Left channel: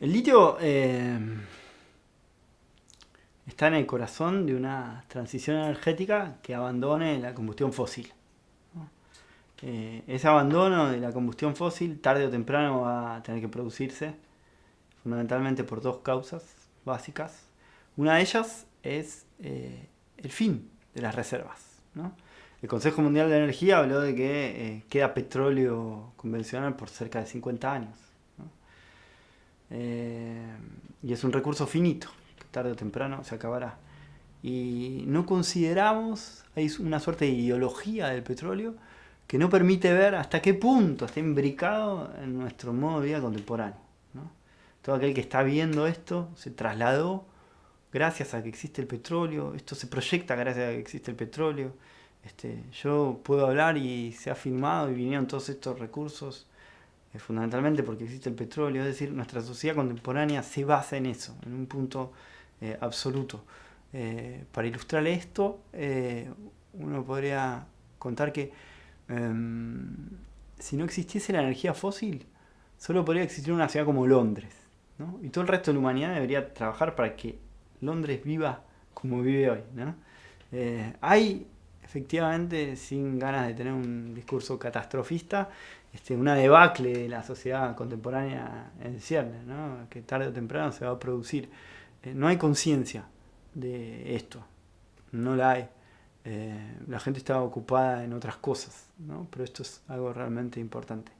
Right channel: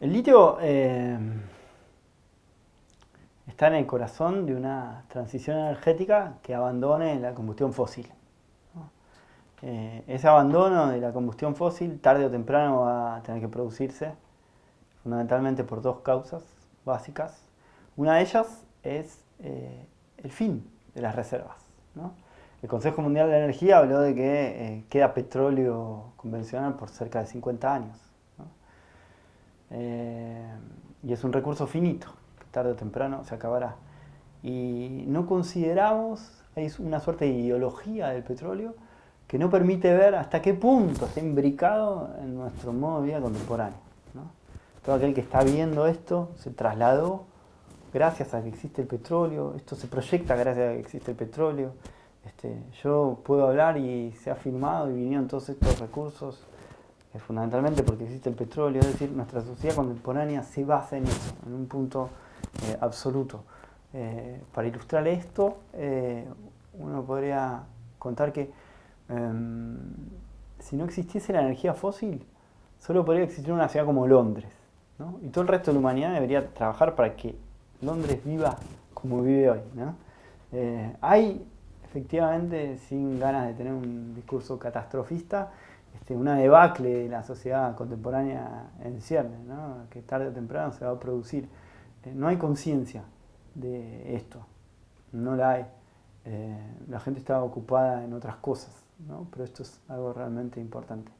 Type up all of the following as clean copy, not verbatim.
El litio está en el corazón de una transición energética que abandone la combustión fósil. Ese abandono de la combustión fósil tarde o temprano va a tener que producirse fundamentalmente por dos causas básicas. Una de ellas es el fin de las reservas, ¿no? El Consejo Mundial de Energía habló de que queda petróleo convencional por cerca de 50 años, ¿no? Y es un recurso finito, que tarde o temprano se acabará. Y no consideramos, hay una suerte de ideología del petróleo que no permite ver hasta qué punto está imbricado en nuestro modo de vida contemporáneo, ¿no? Todo aquel que está viendo esto se trasladó gracias a que existe el petróleo, esto se proyecta gracias a que existe el petróleo. Yo puedo hablar y se ha filmado y vinieron todos estos recursos fundamentalmente porque existe el petróleo, es decir, nuestra sociedad contemporánea se basa en eso, en un punto absoluto. Para ilustrar esto, uno podría contar que si no existiese la energía fósil, solo podría existir una ciudad como Londres, ¿no? Y todo el resto de la humanidad debería trabajar para que Londres viva como vive hoy, ¿no? Hay, efectivamente, sin ganas de tener un discurso catastrofista, una debacle de la sociedad contemporánea en cierne, ¿no? Que tarde o temprano se va a producir. No hay conciencia de esto, no la hay. La gente está ocupada en otras cosas, ¿no? Pero esto es algo realmente importante.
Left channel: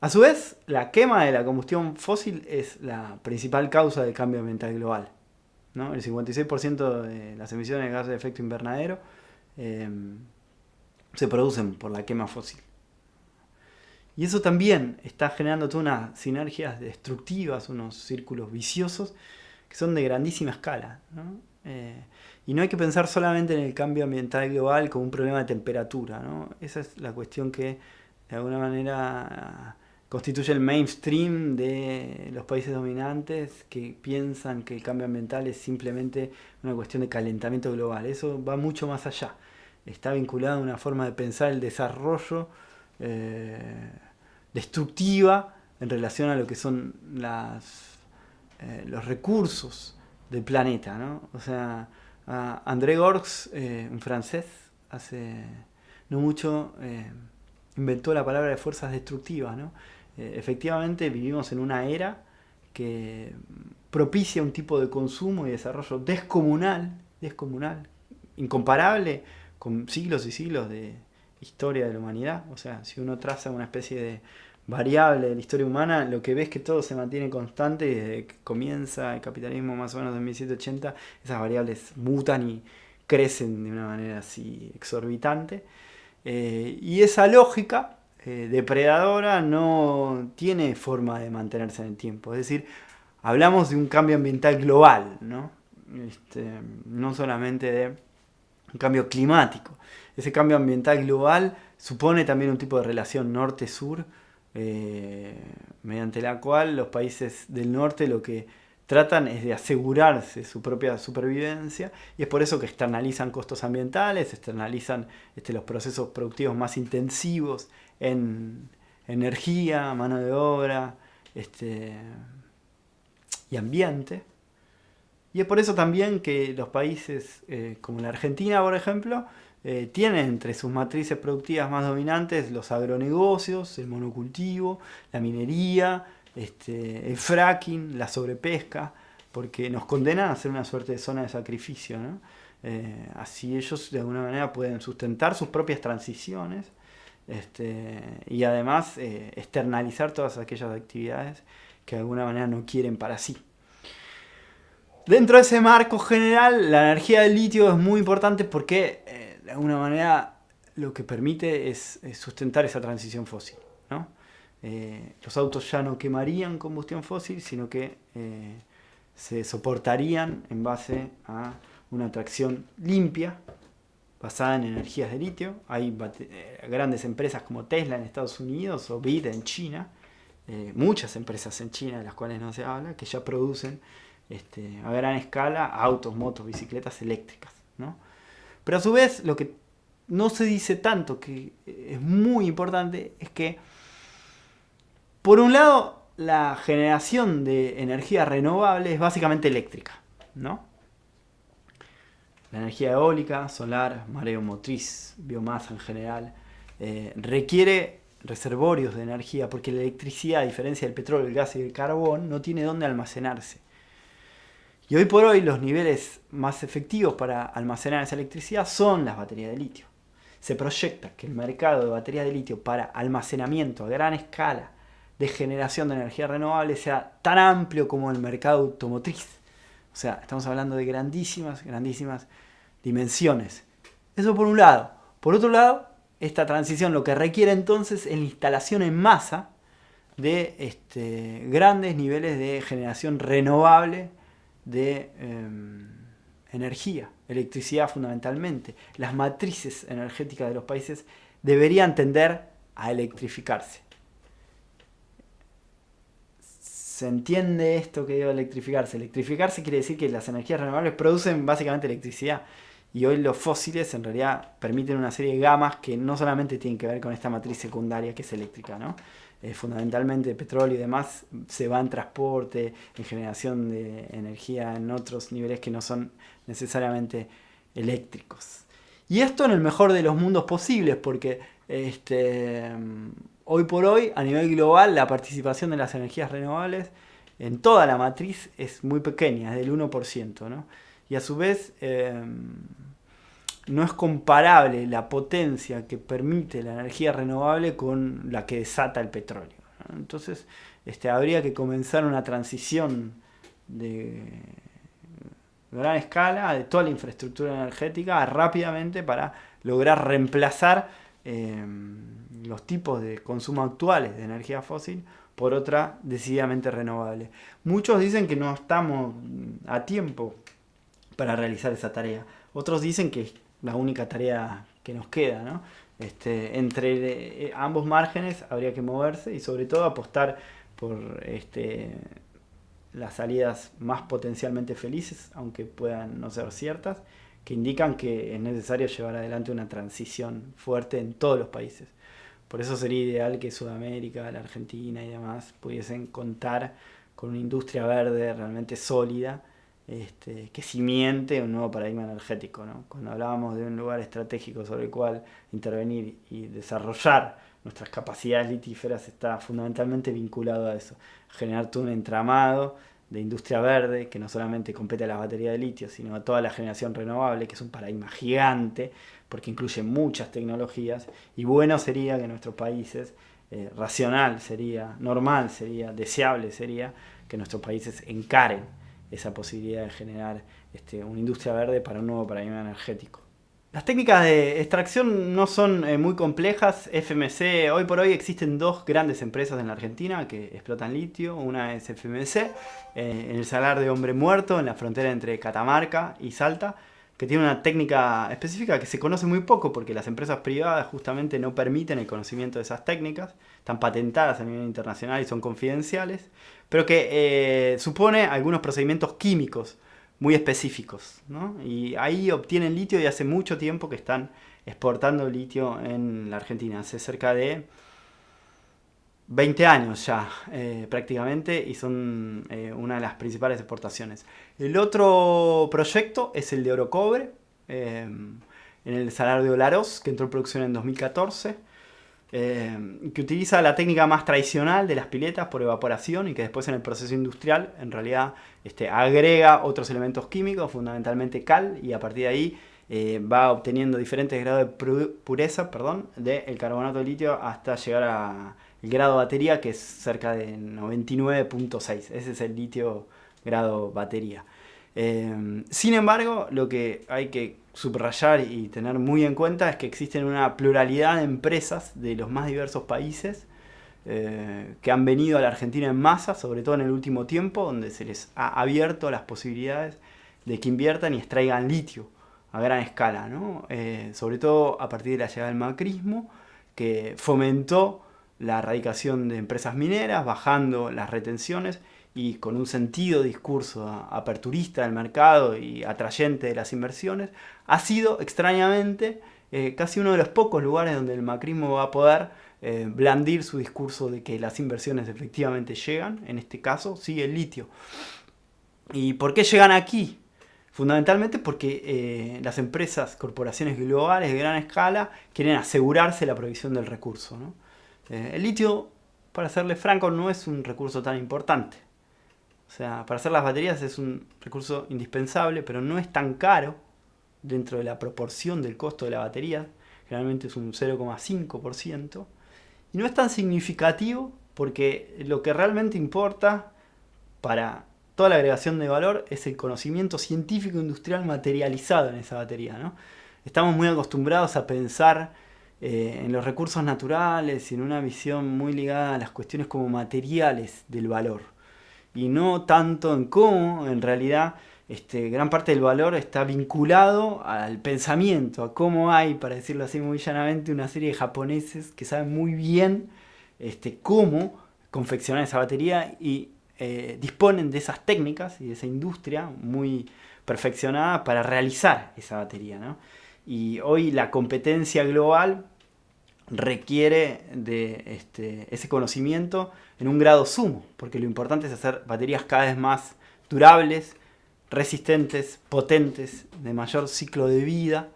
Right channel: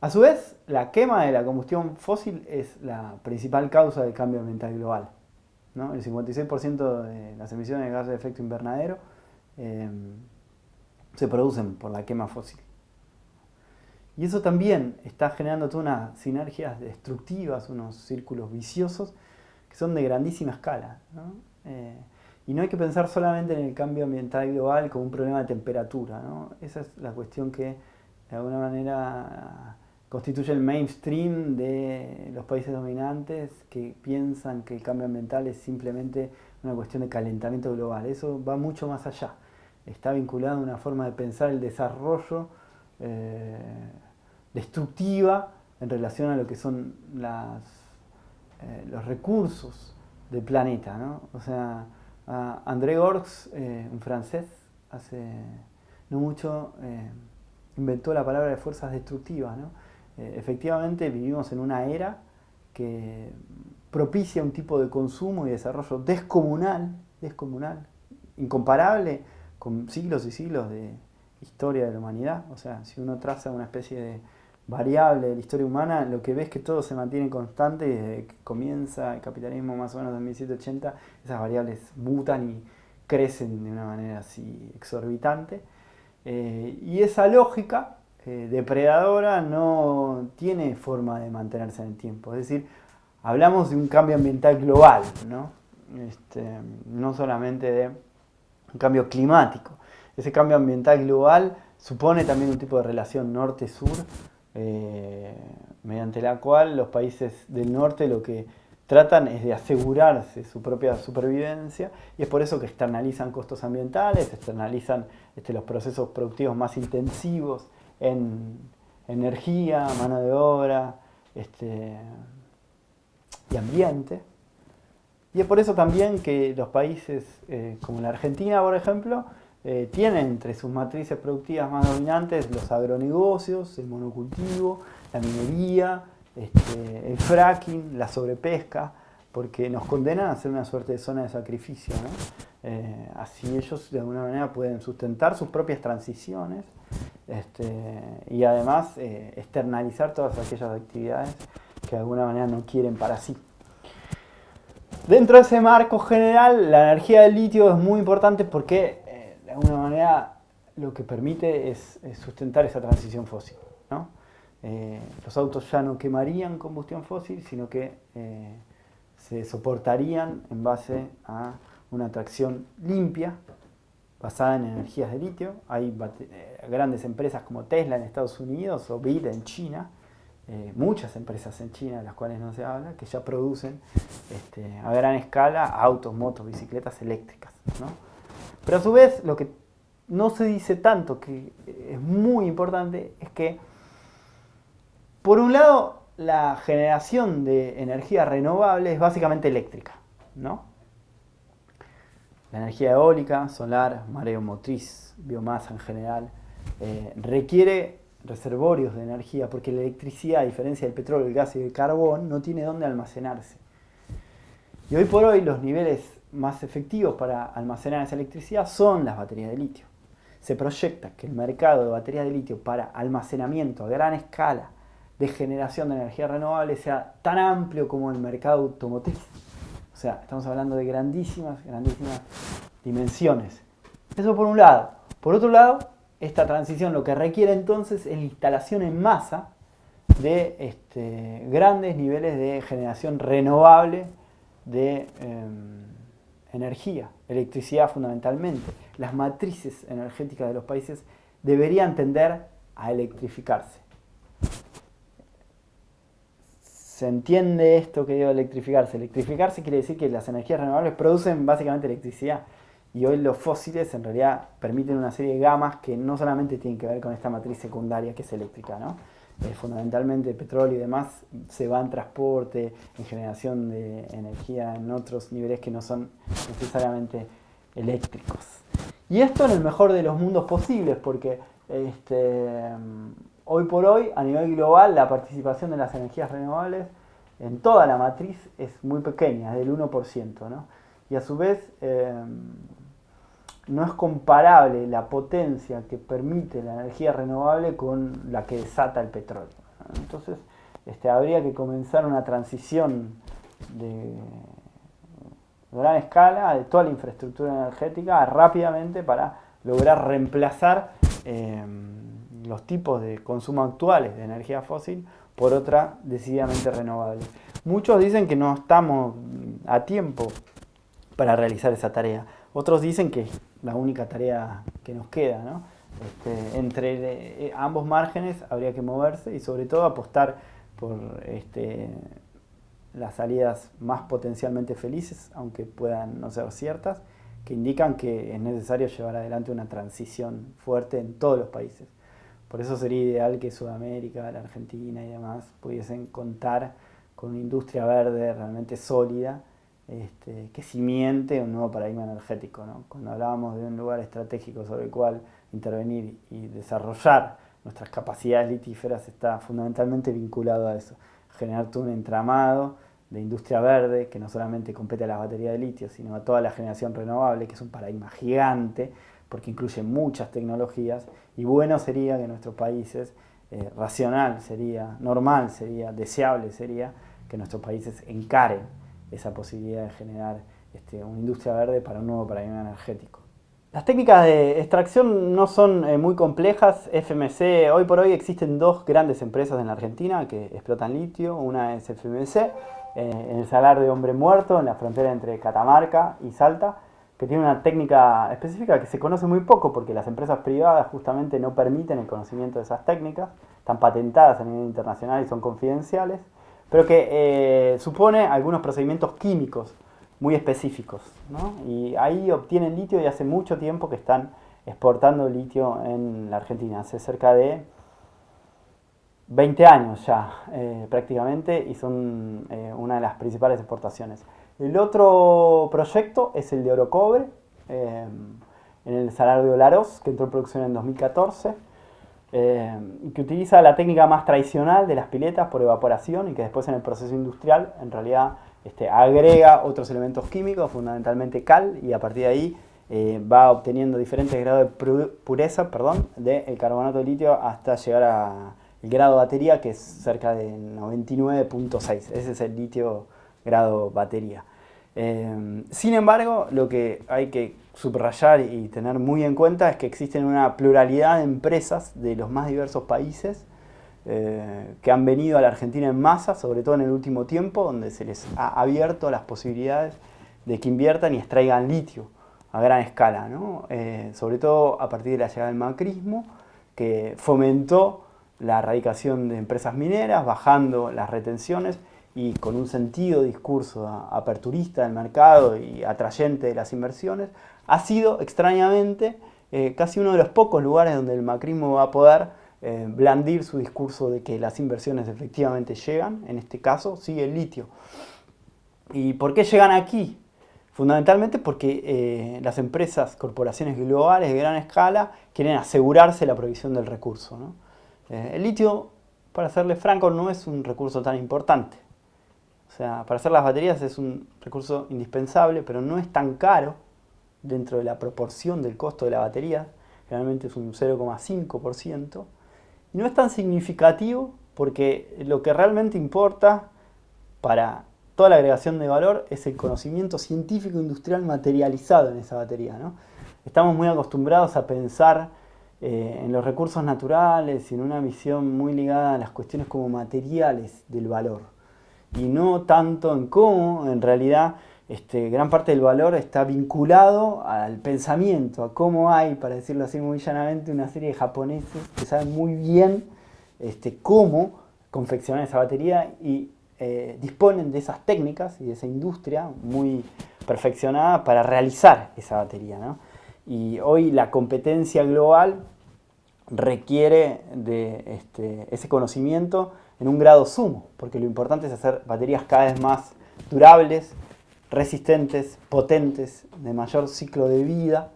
A su vez, la quema de la combustión fósil es la principal causa del cambio ambiental global, ¿no? El 56% de las emisiones de gases de efecto invernadero se producen por la quema fósil. Y eso también está generando todas unas sinergias destructivas, unos círculos viciosos que son de grandísima escala, ¿no? Y no hay que pensar solamente en el cambio ambiental global como un problema de temperatura, ¿no? Esa es la cuestión que de alguna manera constituye el mainstream de los países dominantes que piensan que el cambio ambiental es simplemente una cuestión de calentamiento global. Eso va mucho más allá. Está vinculado a una forma de pensar el desarrollo destructiva en relación a lo que son los recursos del planeta, ¿no? O sea, André Gorz, un francés, hace no mucho inventó la palabra de fuerzas destructivas, ¿no? Efectivamente vivimos en una era que propicia un tipo de consumo y desarrollo descomunal, incomparable con siglos y siglos de historia de la humanidad. O sea, si uno traza una especie de variable de la historia humana, lo que ves es que todo se mantiene constante y desde que comienza el capitalismo más o menos en 1780, esas variables mutan y crecen de una manera así exorbitante. Y esa lógica depredadora no tiene forma de mantenerse en el tiempo. Es decir, hablamos de un cambio ambiental global, ¿no? No solamente de un cambio climático. Ese cambio ambiental global supone también un tipo de relación norte-sur, mediante la cual los países del norte lo que tratan es de asegurarse su propia supervivencia, y es por eso que externalizan costos ambientales, externalizan los procesos productivos más intensivos en energía, mano de obra y ambiente. Y es por eso también que los países como la Argentina, por ejemplo, tienen entre sus matrices productivas más dominantes los agronegocios, el monocultivo, la minería, el fracking, la sobrepesca, porque nos condenan a ser una suerte de zona de sacrificio, ¿no? Así ellos de alguna manera pueden sustentar sus propias transiciones y además externalizar todas aquellas actividades que de alguna manera no quieren para sí. Dentro de ese marco general, la energía del litio es muy importante porque de alguna manera lo que permite es sustentar esa transición fósil, ¿no? Los autos ya no quemarían combustión fósil, sino que se soportarían en base a una tracción limpia basada en energías de litio. Hay grandes empresas como Tesla en Estados Unidos o BYD en China, muchas empresas en China de las cuales no se habla, que ya producen a gran escala autos, motos, bicicletas eléctricas, ¿no? Pero a su vez lo que no se dice tanto, que es muy importante, es que por un lado la generación de energía renovable es básicamente eléctrica, ¿no? La energía eólica, solar, mareomotriz, biomasa en general, requiere reservorios de energía porque la electricidad, a diferencia del petróleo, el gas y el carbón, no tiene dónde almacenarse. Y hoy por hoy los niveles más efectivos para almacenar esa electricidad son las baterías de litio. Se proyecta que el mercado de baterías de litio para almacenamiento a gran escala de generación de energía renovable sea tan amplio como el mercado automotriz. O sea, estamos hablando de grandísimas dimensiones. Eso por un lado. Por otro lado, esta transición lo que requiere entonces es la instalación en masa de grandes niveles de generación renovable de energía, electricidad fundamentalmente. Las matrices energéticas de los países deberían tender a electrificarse. ¿Se entiende esto que digo electrificarse? Electrificarse quiere decir que las energías renovables producen básicamente electricidad. Y hoy los fósiles en realidad permiten una serie de gamas que no solamente tienen que ver con esta matriz secundaria que es eléctrica, ¿no? Fundamentalmente el petróleo y demás se va en transporte, en generación de energía en otros niveles que no son necesariamente eléctricos. Y esto en el mejor de los mundos posibles, porque hoy por hoy, a nivel global, la participación de las energías renovables en toda la matriz es muy pequeña, es del 1%, ¿no? Y a su vez, no es comparable la potencia que permite la energía renovable con la que desata el petróleo, ¿no? Entonces, habría que comenzar una transición de gran escala de toda la infraestructura energética rápidamente para lograr reemplazar los tipos de consumo actuales de energía fósil por otra decididamente renovable. Muchos dicen que no estamos a tiempo para realizar esa tarea. Otros dicen que es la única tarea que nos queda, ¿no? Entre ambos márgenes habría que moverse y sobre todo apostar por las salidas más potencialmente felices, aunque puedan no ser ciertas, que indican que es necesario llevar adelante una transición fuerte en todos los países. Por eso sería ideal que Sudamérica, la Argentina y demás pudiesen contar con una industria verde realmente sólida, que cimiente un nuevo paradigma energético, ¿no? Cuando hablábamos de un lugar estratégico sobre el cual intervenir y desarrollar nuestras capacidades litíferas, está fundamentalmente vinculado a eso. Generar todo un entramado de industria verde que no solamente compete a la batería de litio, sino a toda la generación renovable, que es un paradigma gigante, porque incluye muchas tecnologías, y bueno sería que nuestros países, racional sería, normal sería, deseable sería, que nuestros países encaren esa posibilidad de generar una industria verde para un nuevo paradigma energético. Las técnicas de extracción no son muy complejas. FMC, hoy por hoy existen dos grandes empresas en la Argentina que explotan litio. Una es FMC, en el Salar de Hombre Muerto, en la frontera entre Catamarca y Salta, que tiene una técnica específica que se conoce muy poco porque las empresas privadas justamente no permiten el conocimiento de esas técnicas, están patentadas a nivel internacional y son confidenciales, pero que supone algunos procedimientos químicos muy específicos, ¿no? Y ahí obtienen litio y hace mucho tiempo que están exportando litio en la Argentina, hace cerca de 20 años ya prácticamente, y son una de las principales exportaciones. El otro proyecto es el de oro cobre, en el Salar de Olaroz, que entró en producción en 2014, que utiliza la técnica más tradicional de las piletas por evaporación y que después en el proceso industrial en realidad agrega otros elementos químicos, fundamentalmente cal, y a partir de ahí va obteniendo diferentes grados de pureza del carbonato de litio hasta llegar al grado batería, que es cerca de 99.6. Ese es el litio grado batería. Sin embargo, lo que hay que subrayar y tener muy en cuenta es que existen una pluralidad de empresas de los más diversos países que han venido a la Argentina en masa, sobre todo en el último tiempo, donde se les ha abierto las posibilidades de que inviertan y extraigan litio a gran escala, ¿no? Sobre todo a partir de la llegada del macrismo, que fomentó la erradicación de empresas mineras, bajando las retenciones y con un sentido discurso aperturista del mercado y atrayente de las inversiones, ha sido extrañamente casi uno de los pocos lugares donde el macrismo va a poder blandir su discurso de que las inversiones efectivamente llegan, en este caso, sí, el litio. ¿Y por qué llegan aquí? Fundamentalmente porque las empresas, corporaciones globales de gran escala, quieren asegurarse la provisión del recurso, ¿no? El litio, para serle franco, no es un recurso tan importante. O sea, para hacer las baterías es un recurso indispensable, pero no es tan caro dentro de la proporción del costo de la batería. Generalmente es un 0,5%. Y no es tan significativo porque lo que realmente importa para toda la agregación de valor es el conocimiento científico industrial materializado en esa batería, ¿no? Estamos muy acostumbrados a pensar en los recursos naturales y en una visión muy ligada a las cuestiones como materiales del valor. Y no tanto en cómo, en realidad, gran parte del valor está vinculado al pensamiento, a cómo hay, para decirlo así muy llanamente, una serie de japoneses que saben muy bien cómo confeccionar esa batería y disponen de esas técnicas y de esa industria muy perfeccionada para realizar esa batería, ¿no? Y hoy la competencia global requiere de ese conocimiento en un grado sumo, porque lo importante es hacer baterías cada vez más durables, resistentes, potentes, de mayor ciclo de vida,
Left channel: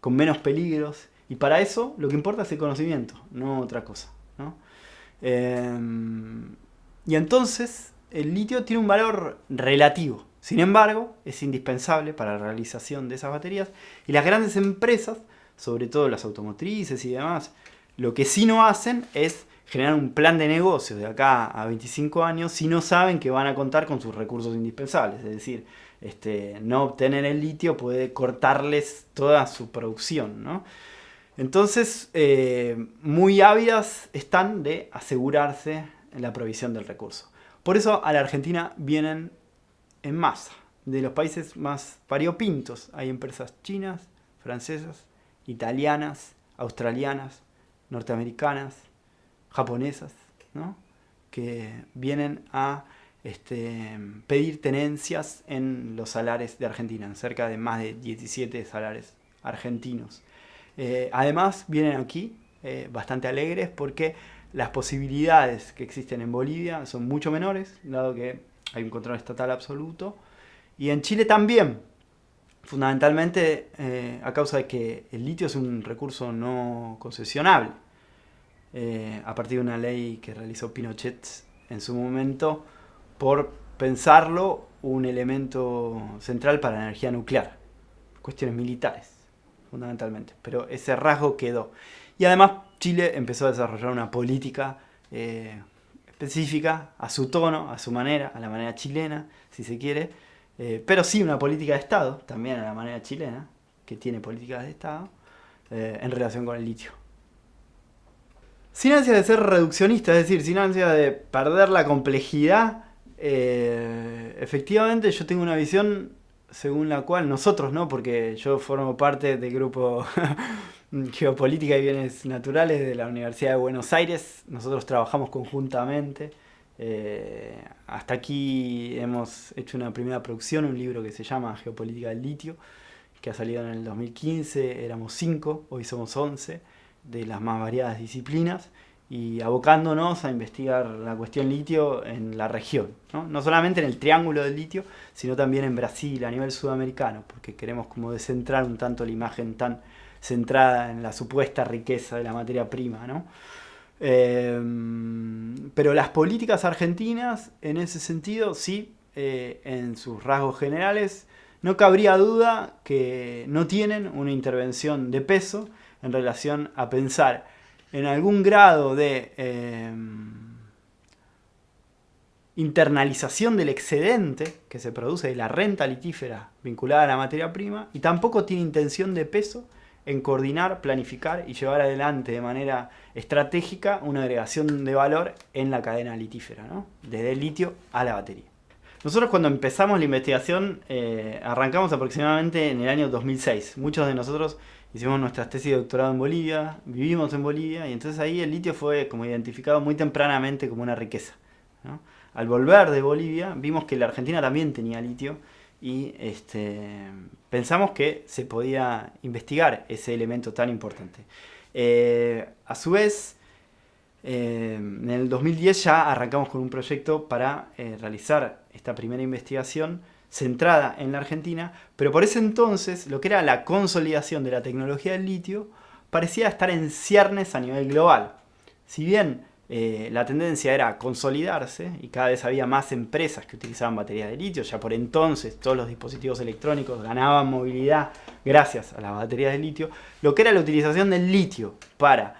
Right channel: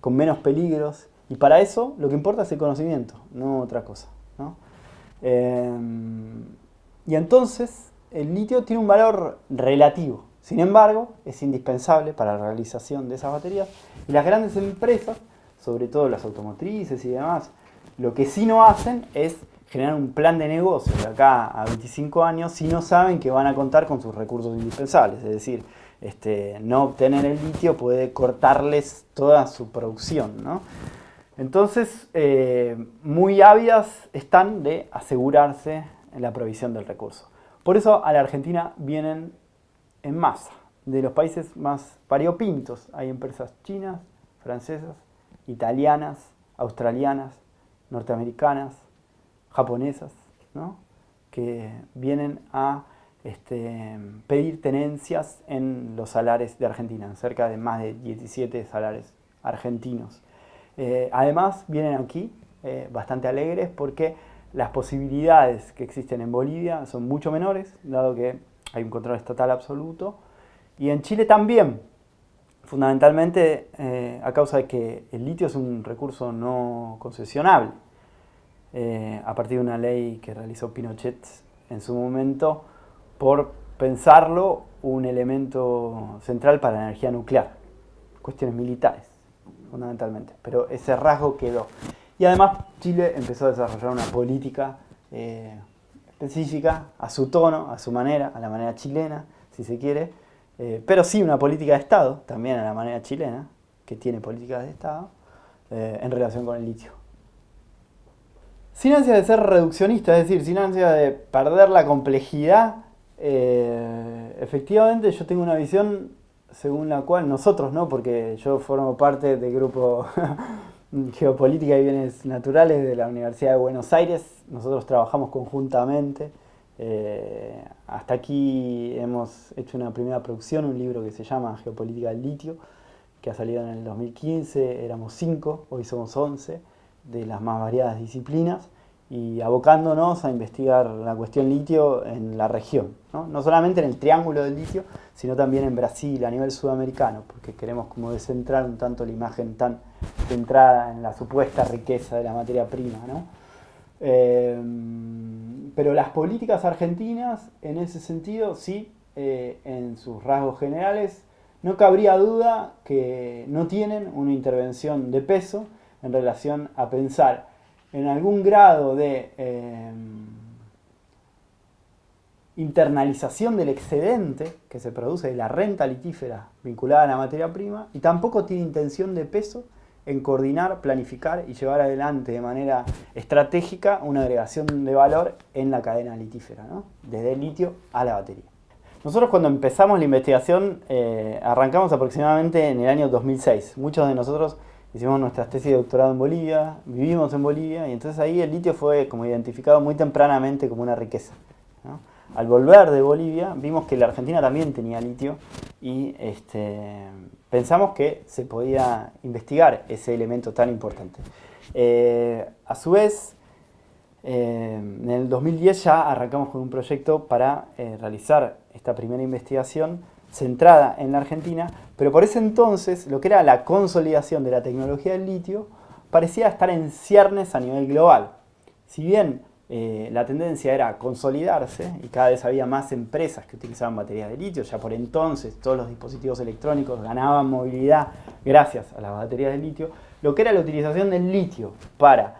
con menos peligros, y para eso lo que importa es el conocimiento, no otra cosa, ¿no? Y entonces el litio tiene un valor relativo, sin embargo es indispensable para la realización de esas baterías, y las grandes empresas, sobre todo las automotrices y demás, lo que sí no hacen es generar un plan de negocio de acá a 25 años si no saben que van a contar con sus recursos indispensables. Es decir, no obtener el litio puede cortarles toda su producción, ¿no? Entonces, muy ávidas están de asegurarse la provisión del recurso. Por eso a la Argentina vienen en masa. De los países más variopintos hay empresas chinas, francesas, italianas, australianas, norteamericanas, japonesas, ¿no? Que vienen a pedir tenencias en los salares de Argentina, en cerca de más de 17 salares argentinos. Además vienen aquí bastante alegres porque las posibilidades que existen en Bolivia son mucho menores, dado que hay un control estatal absoluto, y en Chile también, fundamentalmente a causa de que el litio es un recurso no concesionable. A partir de una ley que realizó Pinochet en su momento, por pensarlo un elemento central para la energía nuclear, cuestiones militares, fundamentalmente, pero ese rasgo quedó. Y además Chile empezó a desarrollar una política específica, a su tono, a su manera, a la manera chilena, si se quiere, pero sí una política de Estado, también a la manera chilena, que tiene políticas de Estado, en relación con el litio. Sin ansia de ser reduccionista, es decir, sin ansia de perder la complejidad, efectivamente yo tengo una visión según la cual nosotros, ¿no? Porque yo formo parte del grupo Geopolítica y Bienes Naturales de la Universidad de Buenos Aires, nosotros trabajamos conjuntamente. Hasta aquí hemos hecho una primera producción, un libro que se llama Geopolítica del Litio, que ha salido en el 2015, éramos 5, hoy somos 11, de las más variadas disciplinas, y abocándonos a investigar la cuestión litio en la región, ¿no? No solamente en el triángulo del litio, sino también en Brasil, a nivel sudamericano, porque queremos como descentrar un tanto la imagen tan centrada en la supuesta riqueza de la materia prima, ¿no? Pero las políticas argentinas, en ese sentido, sí, en sus rasgos generales, no cabría duda que no tienen una intervención de peso en relación a pensar en algún grado de internalización del excedente que se produce de la renta litífera vinculada a la materia prima, y tampoco tiene intención de peso en coordinar, planificar y llevar adelante de manera estratégica una agregación de valor en la cadena litífera, ¿no? Desde el litio a la batería. Nosotros cuando empezamos la investigación arrancamos aproximadamente en el año 2006. Muchos de nosotros hicimos nuestras tesis de doctorado en Bolivia, vivimos en Bolivia, y entonces ahí el litio fue como identificado muy tempranamente como una riqueza, ¿no? Al volver de Bolivia vimos que la Argentina también tenía litio y pensamos que se podía investigar ese elemento tan importante. A su vez, En el 2010 ya arrancamos con un proyecto para realizar esta primera investigación centrada en la Argentina, pero por ese entonces lo que era la consolidación de la tecnología del litio parecía estar en ciernes a nivel global. Si bien la tendencia era consolidarse y cada vez había más empresas que utilizaban baterías de litio, ya por entonces todos los dispositivos electrónicos ganaban movilidad gracias a las baterías de litio, lo que era la utilización del litio para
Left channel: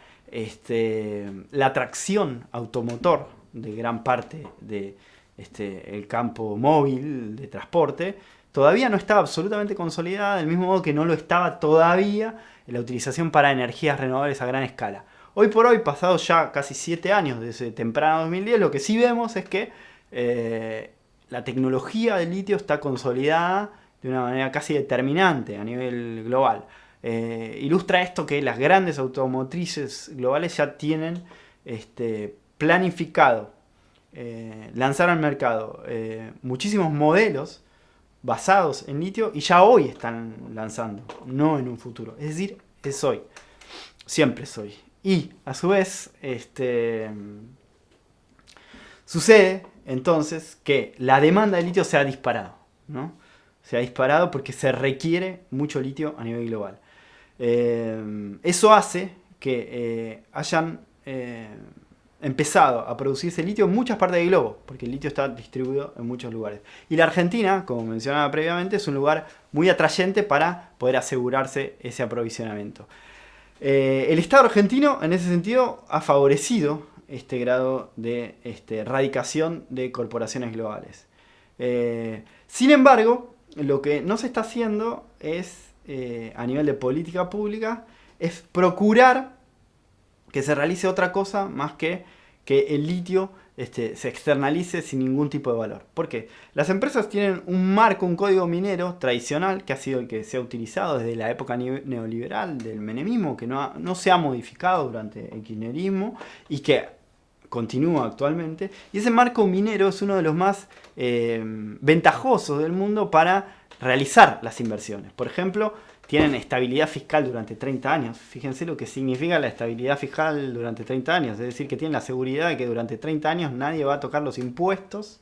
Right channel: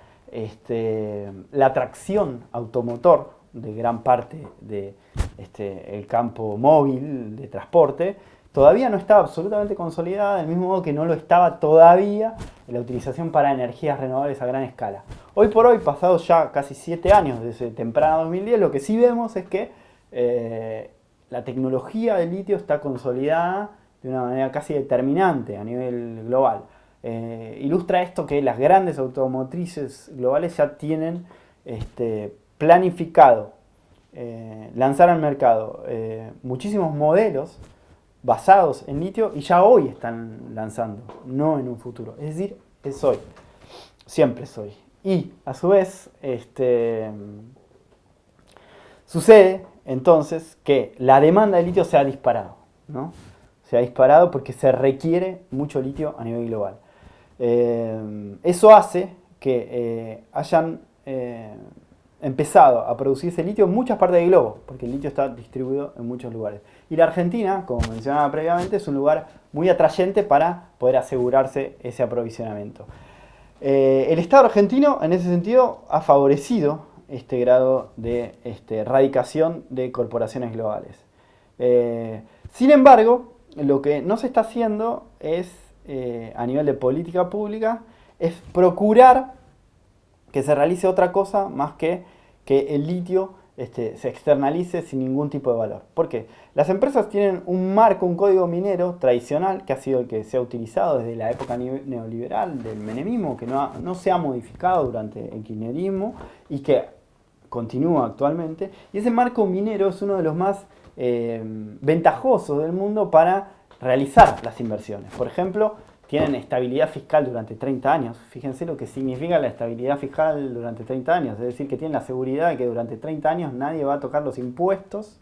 la tracción automotor de gran parte del campo móvil de transporte todavía no estaba absolutamente consolidada, del mismo modo que no lo estaba todavía en la utilización para energías renovables a gran escala. Hoy por hoy, pasados ya casi 7 años desde temprano 2010, lo que sí vemos es que la tecnología del litio está consolidada de una manera casi determinante a nivel global. Ilustra esto que las grandes automotrices globales ya tienen planificado lanzar al mercado muchísimos modelos basados en litio y ya hoy están lanzando, no en un futuro. Es decir, es hoy, siempre es hoy. Y a su vez, sucede entonces que la demanda de litio se ha disparado, ¿no? Se ha disparado porque se requiere mucho litio a nivel global. Eso hace que hayan empezado a producirse litio en muchas partes del globo, porque el litio está distribuido en muchos lugares. Y la Argentina, como mencionaba previamente, es un lugar muy atrayente para poder asegurarse ese aprovisionamiento. El Estado argentino, en ese sentido, ha favorecido este grado de radicación de corporaciones globales. Sin embargo, lo que no se está haciendo es, a nivel de política pública, es procurar que se realice otra cosa más que el litio se externalice sin ningún tipo de valor. ¿Por qué? Las empresas tienen un marco, un código minero tradicional que ha sido el que se ha utilizado desde la época neoliberal del menemismo, que no se ha modificado durante el kirchnerismo y que continúa actualmente. Y ese marco minero es uno de los más ventajosos del mundo para realizar las inversiones. Por ejemplo, tienen estabilidad fiscal durante 30 años. Fíjense lo que significa la estabilidad fiscal durante 30 años. Es decir, que tienen la seguridad de que durante 30 años nadie va a tocar los impuestos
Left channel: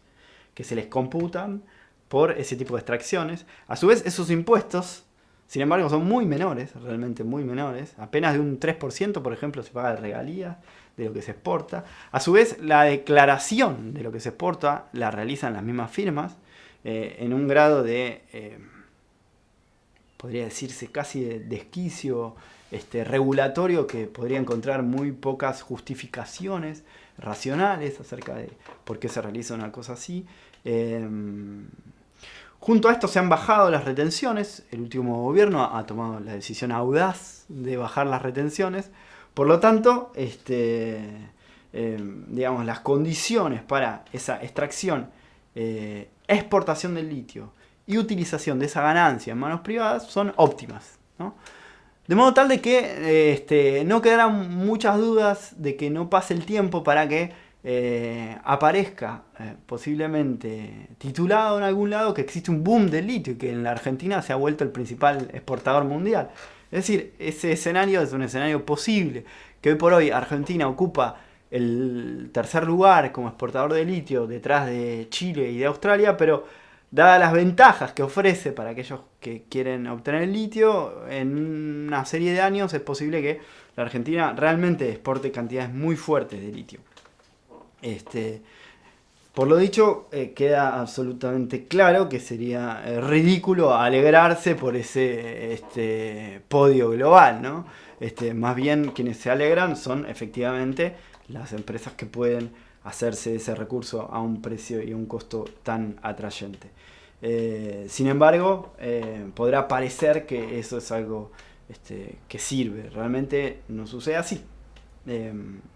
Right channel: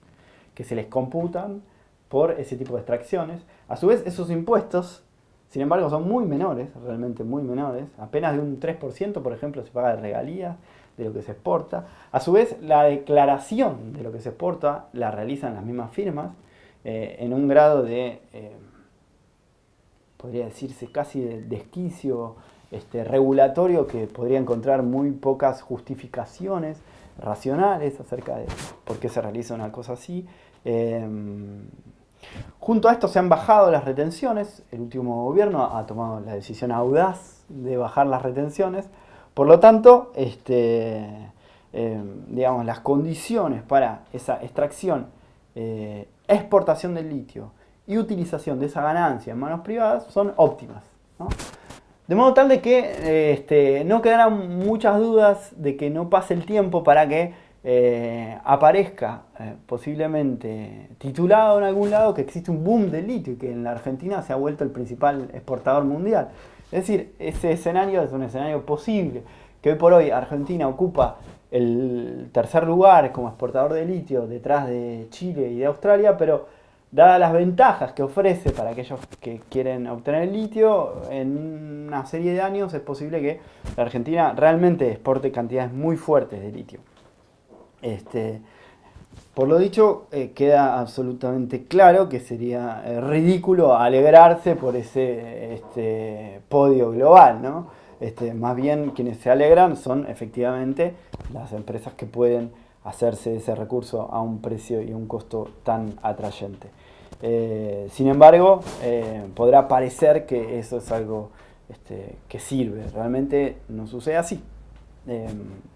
que se les computan por ese tipo de extracciones. A su vez, esos impuestos, sin embargo, son muy menores, realmente muy menores. Apenas de un 3%, por ejemplo, se paga de regalías de lo que se exporta. A su vez, la declaración de lo que se exporta la realizan las mismas firmas en un grado de... podría decirse casi de desquicio regulatorio, que podría encontrar muy pocas justificaciones racionales acerca de por qué se realiza una cosa así. Junto a esto se han bajado las retenciones. El último gobierno ha tomado la decisión audaz de bajar las retenciones. Por lo tanto, digamos, las condiciones para esa extracción, exportación del litio y utilización de esa ganancia en manos privadas son óptimas, ¿no? De modo tal de que no quedarán muchas dudas de que no pase el tiempo para que aparezca posiblemente titulado en algún lado que existe un boom del litio y que en la Argentina se ha vuelto el principal exportador mundial. Es decir, ese escenario es un escenario posible, que hoy por hoy Argentina ocupa el tercer lugar como exportador de litio detrás de Chile y de Australia, pero dadas las ventajas que ofrece para aquellos que quieren obtener el litio, en una serie de años es posible que la Argentina realmente exporte cantidades muy fuertes de litio. Por lo dicho, queda absolutamente claro que sería ridículo alegrarse por ese podio global, ¿no? Más bien quienes se alegran son efectivamente las empresas que pueden hacerse ese recurso a un precio y un costo tan atrayente. Sin embargo, podrá parecer que eso es algo que sirve. Realmente no sucede así.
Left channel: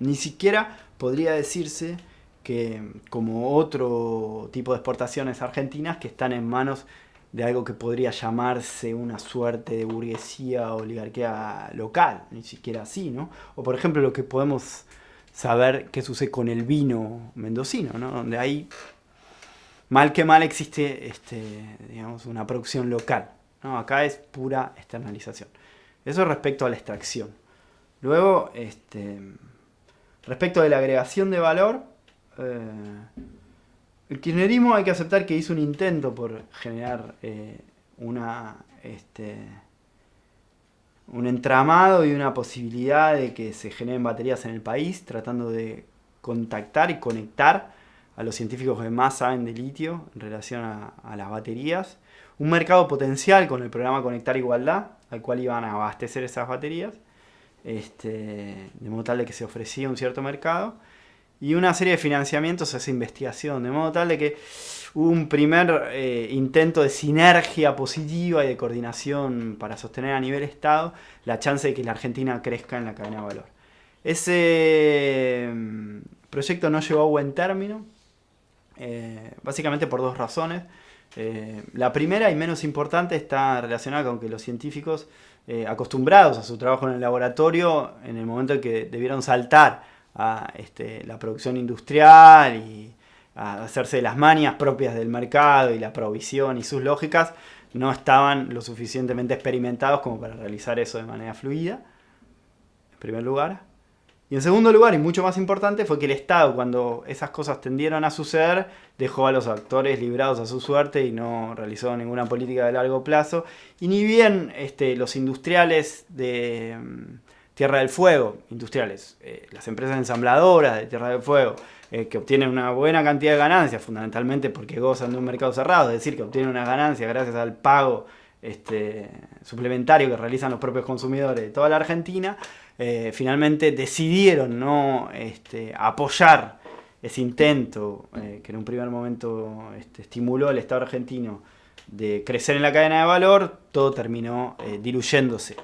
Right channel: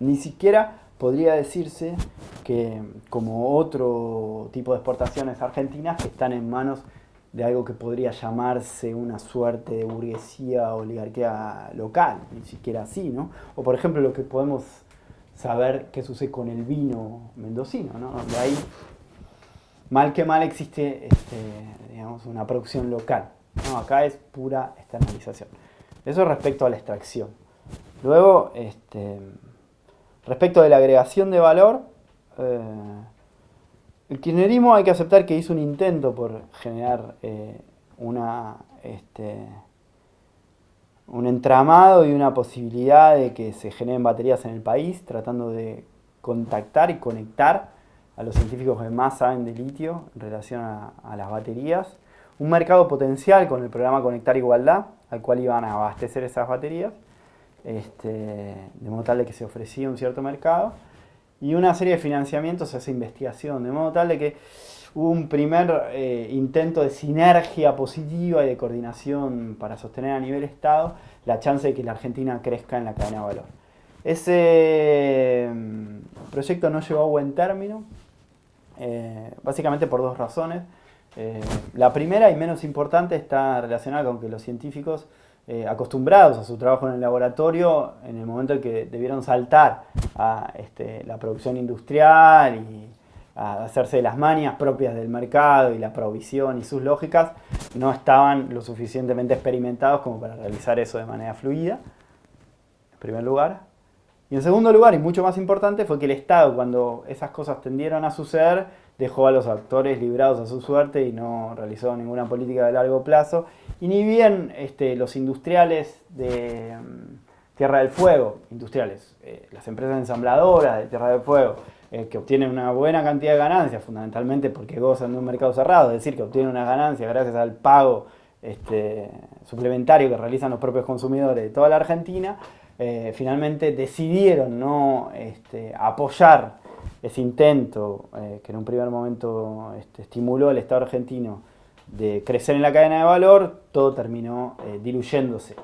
Ni siquiera podría decirse que, como otro tipo de exportaciones argentinas, que están en manos de algo que podría llamarse una suerte de burguesía o oligarquía local, ni siquiera así, ¿no? O por ejemplo lo que podemos saber qué sucede con el vino mendocino, ¿no? Donde ahí, mal que mal, existe digamos, una producción local, ¿no? Acá es pura externalización. Eso respecto a la extracción. Luego, Respecto de la agregación de valor, eh, el kirchnerismo hay que aceptar que hizo un intento por generar una, un entramado y una posibilidad de que se generen baterías en el país, tratando de contactar y conectar a los científicos que más saben de litio en relación a las baterías. Un mercado potencial con el programa Conectar Igualdad, al cual iban a abastecer esas baterías, de modo tal de que se ofrecía un cierto mercado, y una serie de financiamientos a esa investigación, de modo tal de que hubo un primer intento de sinergia positiva y de coordinación para sostener a nivel Estado la chance de que la Argentina crezca en la cadena de valor. Ese proyecto no llegó a buen término, básicamente por dos razones. La primera y menos importante está relacionada con que los científicos acostumbrados a su trabajo en el laboratorio, en el momento en que debieron saltar a la producción industrial y a hacerse de las manias propias del mercado y la provisión y sus lógicas, no estaban lo suficientemente experimentados como para realizar eso de manera fluida, en primer lugar. Y en segundo lugar, y mucho más importante, fue que el Estado, cuando esas cosas tendieron a suceder, dejó a los actores librados a su suerte y no realizó ninguna política de largo plazo. Y ni bien los industriales de Tierra del Fuego, las empresas ensambladoras de Tierra del Fuego, que obtienen una buena cantidad de ganancias, fundamentalmente porque gozan de un mercado cerrado, es decir, que obtienen una ganancia gracias al pago suplementario que realizan los propios consumidores de toda la Argentina, finalmente decidieron no apoyar ese intento que en un primer momento estimuló el Estado argentino de crecer en la cadena de valor. Todo terminó diluyéndose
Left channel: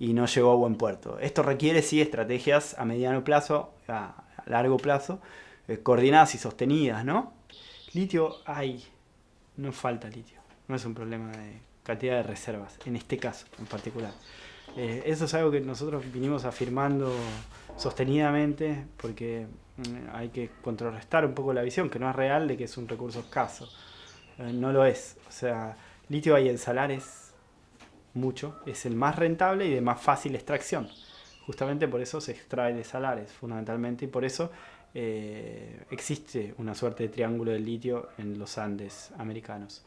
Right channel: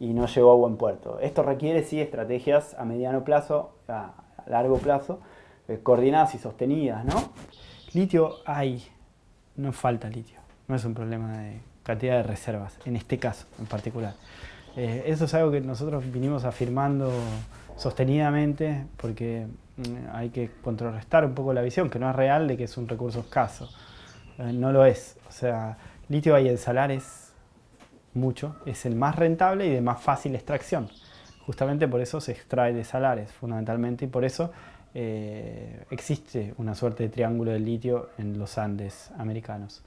y no llegó a buen puerto. Esto requiere sí estrategias a mediano plazo, a largo plazo, coordinadas y sostenidas, ¿no? Litio hay, no falta litio, no es un problema de cantidad de reservas, en este caso en particular. Eso es algo que nosotros vinimos afirmando sostenidamente porque hay que contrarrestar un poco la visión, que no es real, de que es un recurso escaso. No lo es. O sea, litio hay en salares mucho, es el más rentable y de más fácil extracción. Justamente por eso se extrae de salares, fundamentalmente, y por eso existe una suerte de triángulo del litio en los Andes americanos.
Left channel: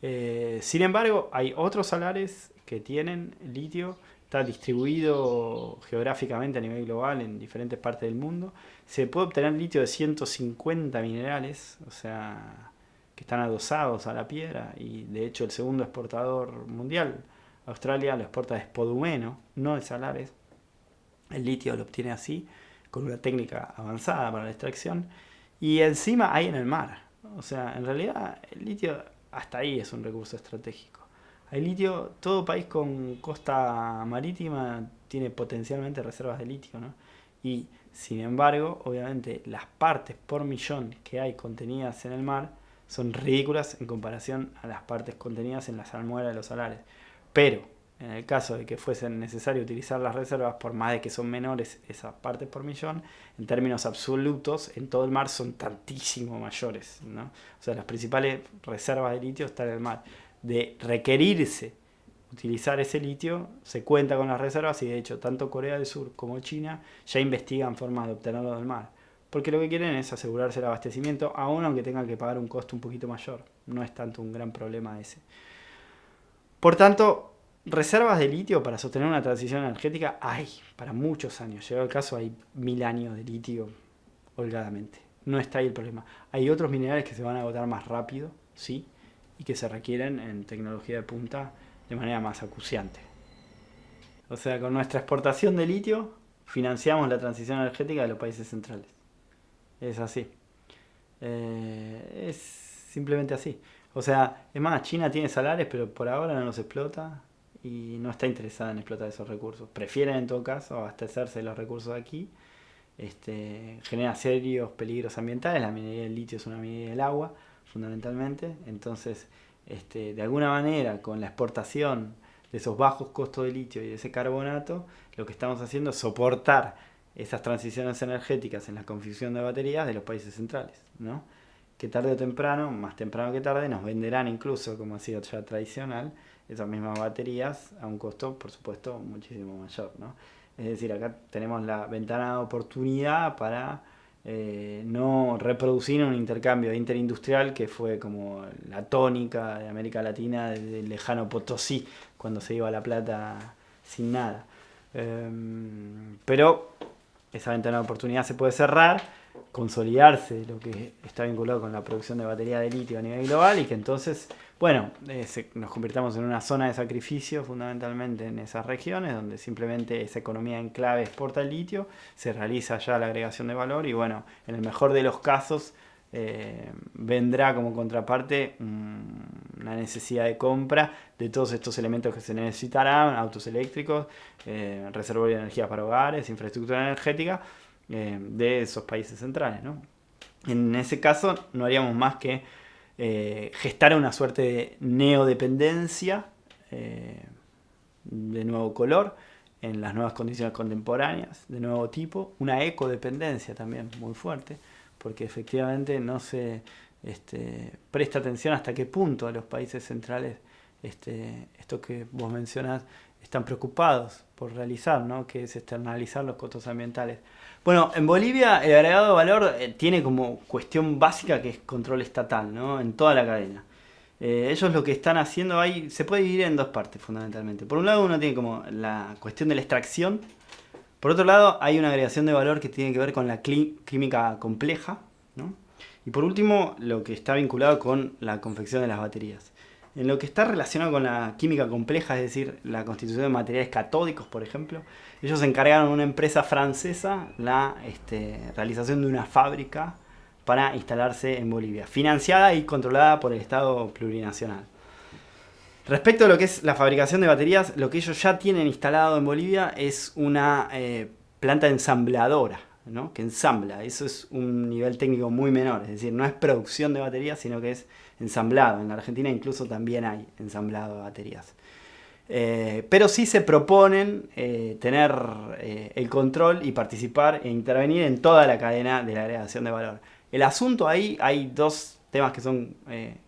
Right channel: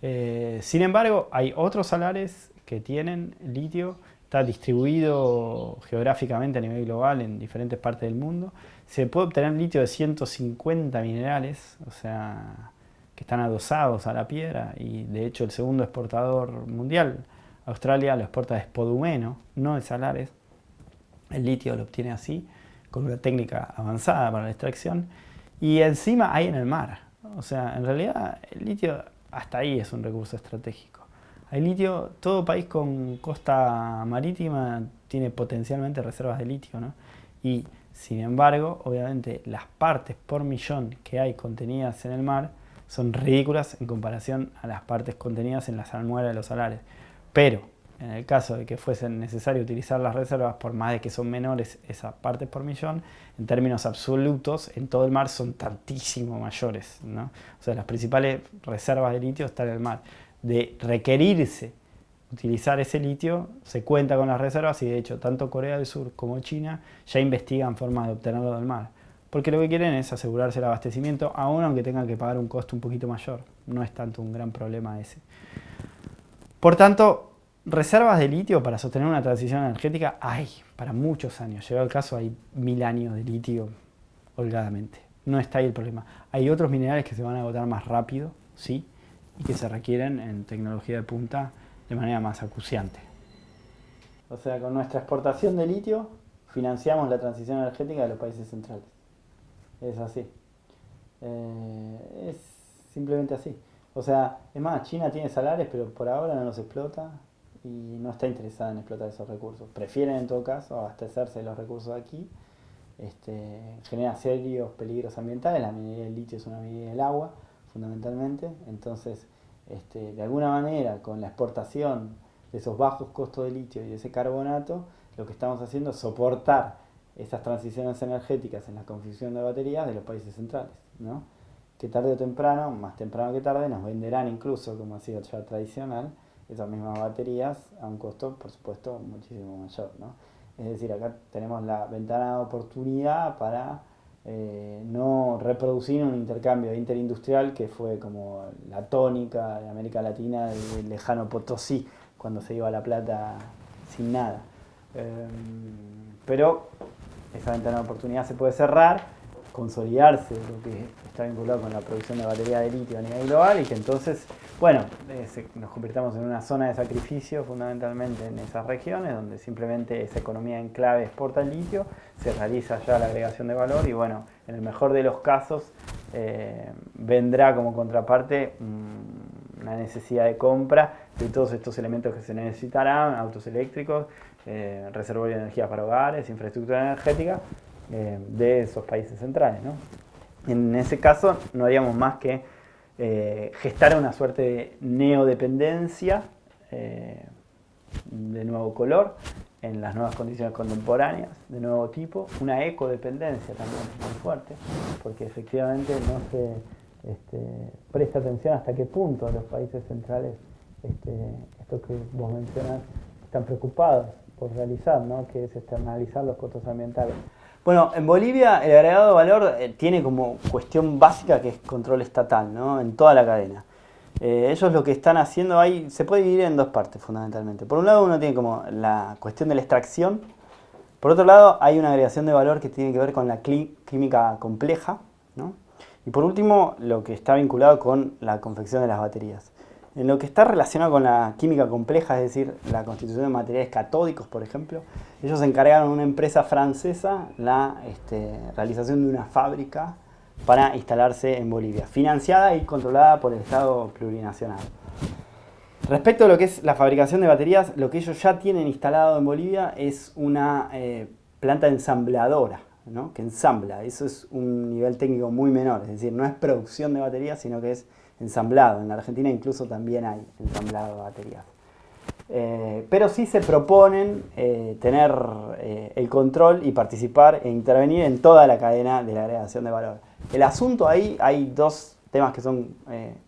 Sin embargo, hay otros salares que tienen litio, está distribuido geográficamente a nivel global en diferentes partes del mundo. Se puede obtener litio de 150 minerales, o sea, que están adosados a la piedra, y de hecho el segundo exportador mundial, Australia, lo exporta de spodumeno, no de salares. El litio lo obtiene así, con una técnica avanzada para la extracción, y encima hay en el mar. O sea, en realidad el litio hasta ahí es un recurso estratégico. Hay litio, todo país con costa marítima tiene potencialmente reservas de litio, ¿no? Y sin embargo, obviamente, las partes por millón que hay contenidas en el mar son ridículas en comparación a las partes contenidas en la salmuera de los salares. Pero, en el caso de que fuese necesario utilizar las reservas, por más de que son menores esas partes por millón, en términos absolutos, en todo el mar son tantísimo mayores, ¿no? O sea, las principales reservas de litio están en el mar. De requerirse utilizar ese litio, se cuenta con las reservas, y de hecho tanto Corea del Sur como China ya investigan formas de obtenerlo del mar. Porque lo que quieren es asegurarse el abastecimiento, aun aunque tengan que pagar un costo un poquito mayor. No es tanto un gran problema ese. Por tanto, reservas de litio para sostener una transición energética hay para muchos años. Llegado el caso, hay 1000 años de litio holgadamente. No está ahí el problema. Hay otros minerales que se van a agotar más rápido, sí, y que se requieren en tecnología de punta de manera más acuciante. O sea, con nuestra exportación de litio financiamos la transición energética de los países centrales. Es así. Es simplemente así. O sea, es más, China tiene salares, pero por ahora no los explota y no está interesada en explotar esos recursos. Prefieren en todo caso abastecerse de los recursos de aquí. Genera serios peligros ambientales. La minería del litio es una minería del agua, fundamentalmente. Entonces, de alguna manera, con la exportación de esos bajos costos de litio y de ese carbonato, lo que estamos haciendo es soportar esas transiciones energéticas en la confección de baterías de los países centrales, ¿no? Que tarde o temprano, más temprano que tarde, nos venderán incluso, como ha sido ya tradicional, esas mismas baterías a un costo, por supuesto, muchísimo mayor, ¿no? Es decir, acá tenemos la ventana de oportunidad para no reproducir un intercambio interindustrial que fue como la tónica de América Latina del lejano Potosí, cuando se iba a La Plata sin nada. Pero esa ventana de oportunidad se puede cerrar, consolidarse lo que está vinculado con la producción de batería de litio a nivel global y que entonces, bueno, nos convirtamos en una zona de sacrificio fundamentalmente en esas regiones donde simplemente esa economía en clave exporta el litio, se realiza ya la agregación de valor y bueno, en el mejor de los casos vendrá como contraparte una necesidad de compra de todos estos elementos que se necesitarán, autos eléctricos, reservorio de energía para hogares, infraestructura energética de esos países centrales, ¿no? En ese caso no haríamos más que gestar una suerte de neodependencia de nuevo color en las nuevas condiciones contemporáneas, de nuevo tipo, una ecodependencia también muy fuerte, porque efectivamente no se presta atención hasta qué punto los países centrales, esto que vos mencionás, están preocupados por realizar, ¿no? Que es externalizar los costos ambientales. Bueno, en Bolivia el agregado de valor tiene como cuestión básica que es control estatal, ¿no? En toda la cadena. Ellos lo que están haciendo ahí se puede dividir en dos partes fundamentalmente. Por un lado uno tiene como la cuestión de la extracción. Por otro lado hay una agregación de valor que tiene que ver con la química compleja, ¿no? Y por último lo que está vinculado con la confección de las baterías. En lo que está relacionado con la química compleja, es decir, la constitución de materiales catódicos, por ejemplo, ellos encargaron a una empresa francesa la realización de una fábrica para instalarse en Bolivia, financiada y controlada por el Estado plurinacional. Respecto a lo que es la fabricación de baterías, lo que ellos ya tienen instalado en Bolivia es una planta ensambladora, ¿no? Que ensambla. Eso es un nivel técnico muy menor, es decir, no es producción de baterías, sino que es ensamblado. En la Argentina incluso también hay ensamblado de baterías. Pero sí se proponen tener el control y participar e intervenir en toda la cadena de la agregación de valor. El asunto ahí, hay dos temas que son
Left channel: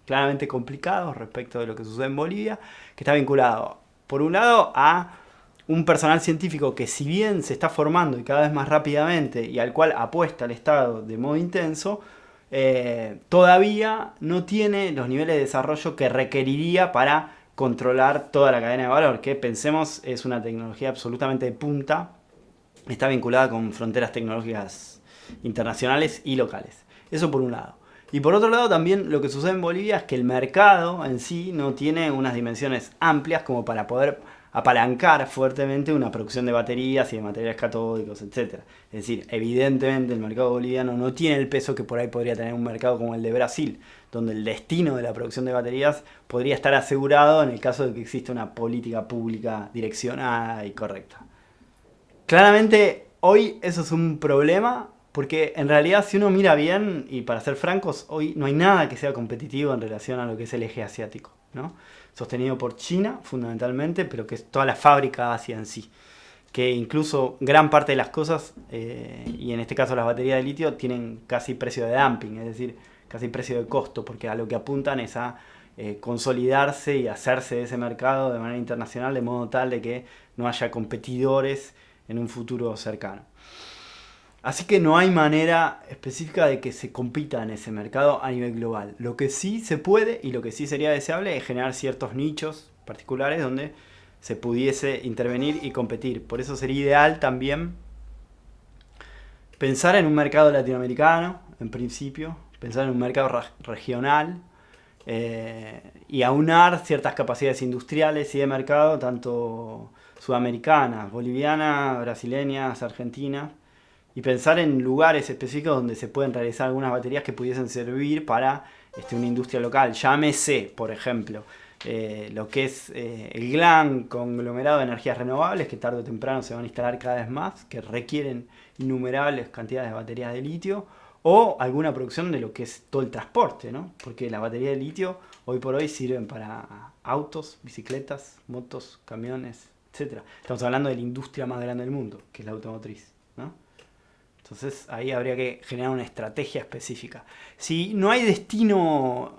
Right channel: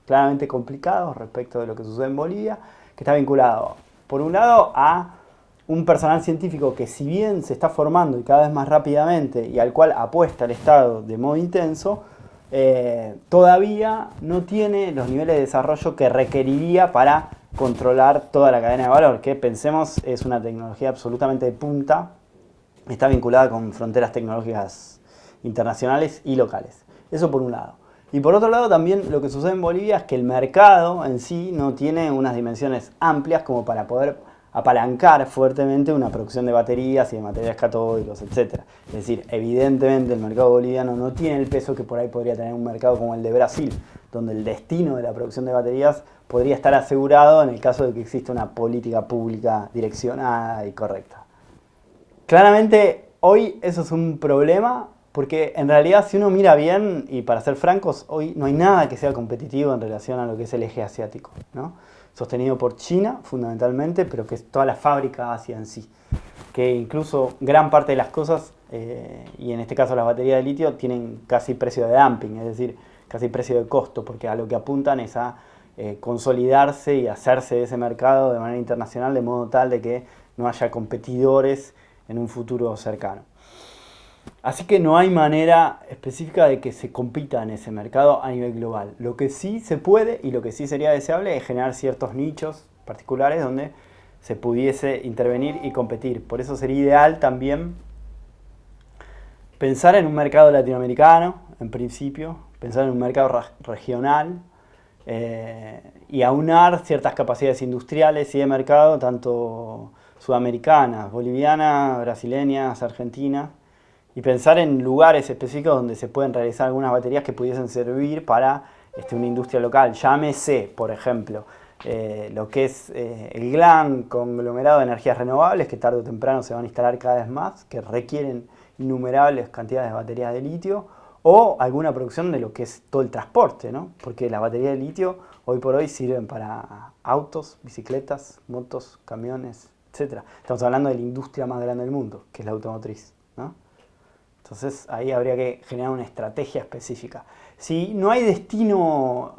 claramente complicados respecto de lo que sucede en Bolivia, que está vinculado, por un lado, a un personal científico que si bien se está formando y cada vez más rápidamente y al cual apuesta el Estado de modo intenso, todavía no tiene los niveles de desarrollo que requeriría para controlar toda la cadena de valor, que pensemos es una tecnología absolutamente de punta, está vinculada con fronteras tecnológicas internacionales y locales. Eso por un lado. Y por otro lado también lo que sucede en Bolivia es que el mercado en sí no tiene unas dimensiones amplias como para poder apalancar fuertemente una producción de baterías y de materiales catódicos, etc. Es decir, evidentemente el mercado boliviano no tiene el peso que por ahí podría tener un mercado como el de Brasil, donde el destino de la producción de baterías podría estar asegurado en el caso de que exista una política pública direccionada y correcta. Claramente hoy eso es un problema porque en realidad si uno mira bien, y para ser francos, hoy no hay nada que sea competitivo en relación a lo que es el eje asiático, ¿no? Sostenido por China fundamentalmente, pero que es toda la fábrica Asia en sí. Que incluso gran parte de las cosas, y en este caso las baterías de litio, tienen casi precio de dumping, es decir, casi precio de costo, porque a lo que apuntan es a consolidarse y hacerse de ese mercado de manera internacional de modo tal de que no haya competidores en un futuro cercano. Así que no hay manera específica de que se compita en ese mercado a nivel global. Lo que sí se puede y lo que sí sería deseable es generar ciertos nichos particulares donde se pudiese intervenir y competir. Por eso sería ideal también pensar en un mercado latinoamericano, en principio, pensar en un mercado regional y aunar ciertas capacidades industriales y de mercado, tanto sudamericanas, bolivianas, brasileñas, argentinas, y pensar en lugares específicos donde se pueden realizar algunas baterías que pudiesen servir para una industria local. Llámese, por ejemplo, lo que es el gran conglomerado de energías renovables que tarde o temprano se van a instalar cada vez más, que requieren innumerables cantidades de baterías de litio, o alguna producción de lo que es todo el transporte, ¿no? Porque las baterías de litio hoy por hoy sirven para autos, bicicletas, motos, camiones, etc. Estamos hablando de la industria más grande del mundo, que es la automotriz, ¿no? Entonces ahí habría que generar una estrategia específica. Si no hay destino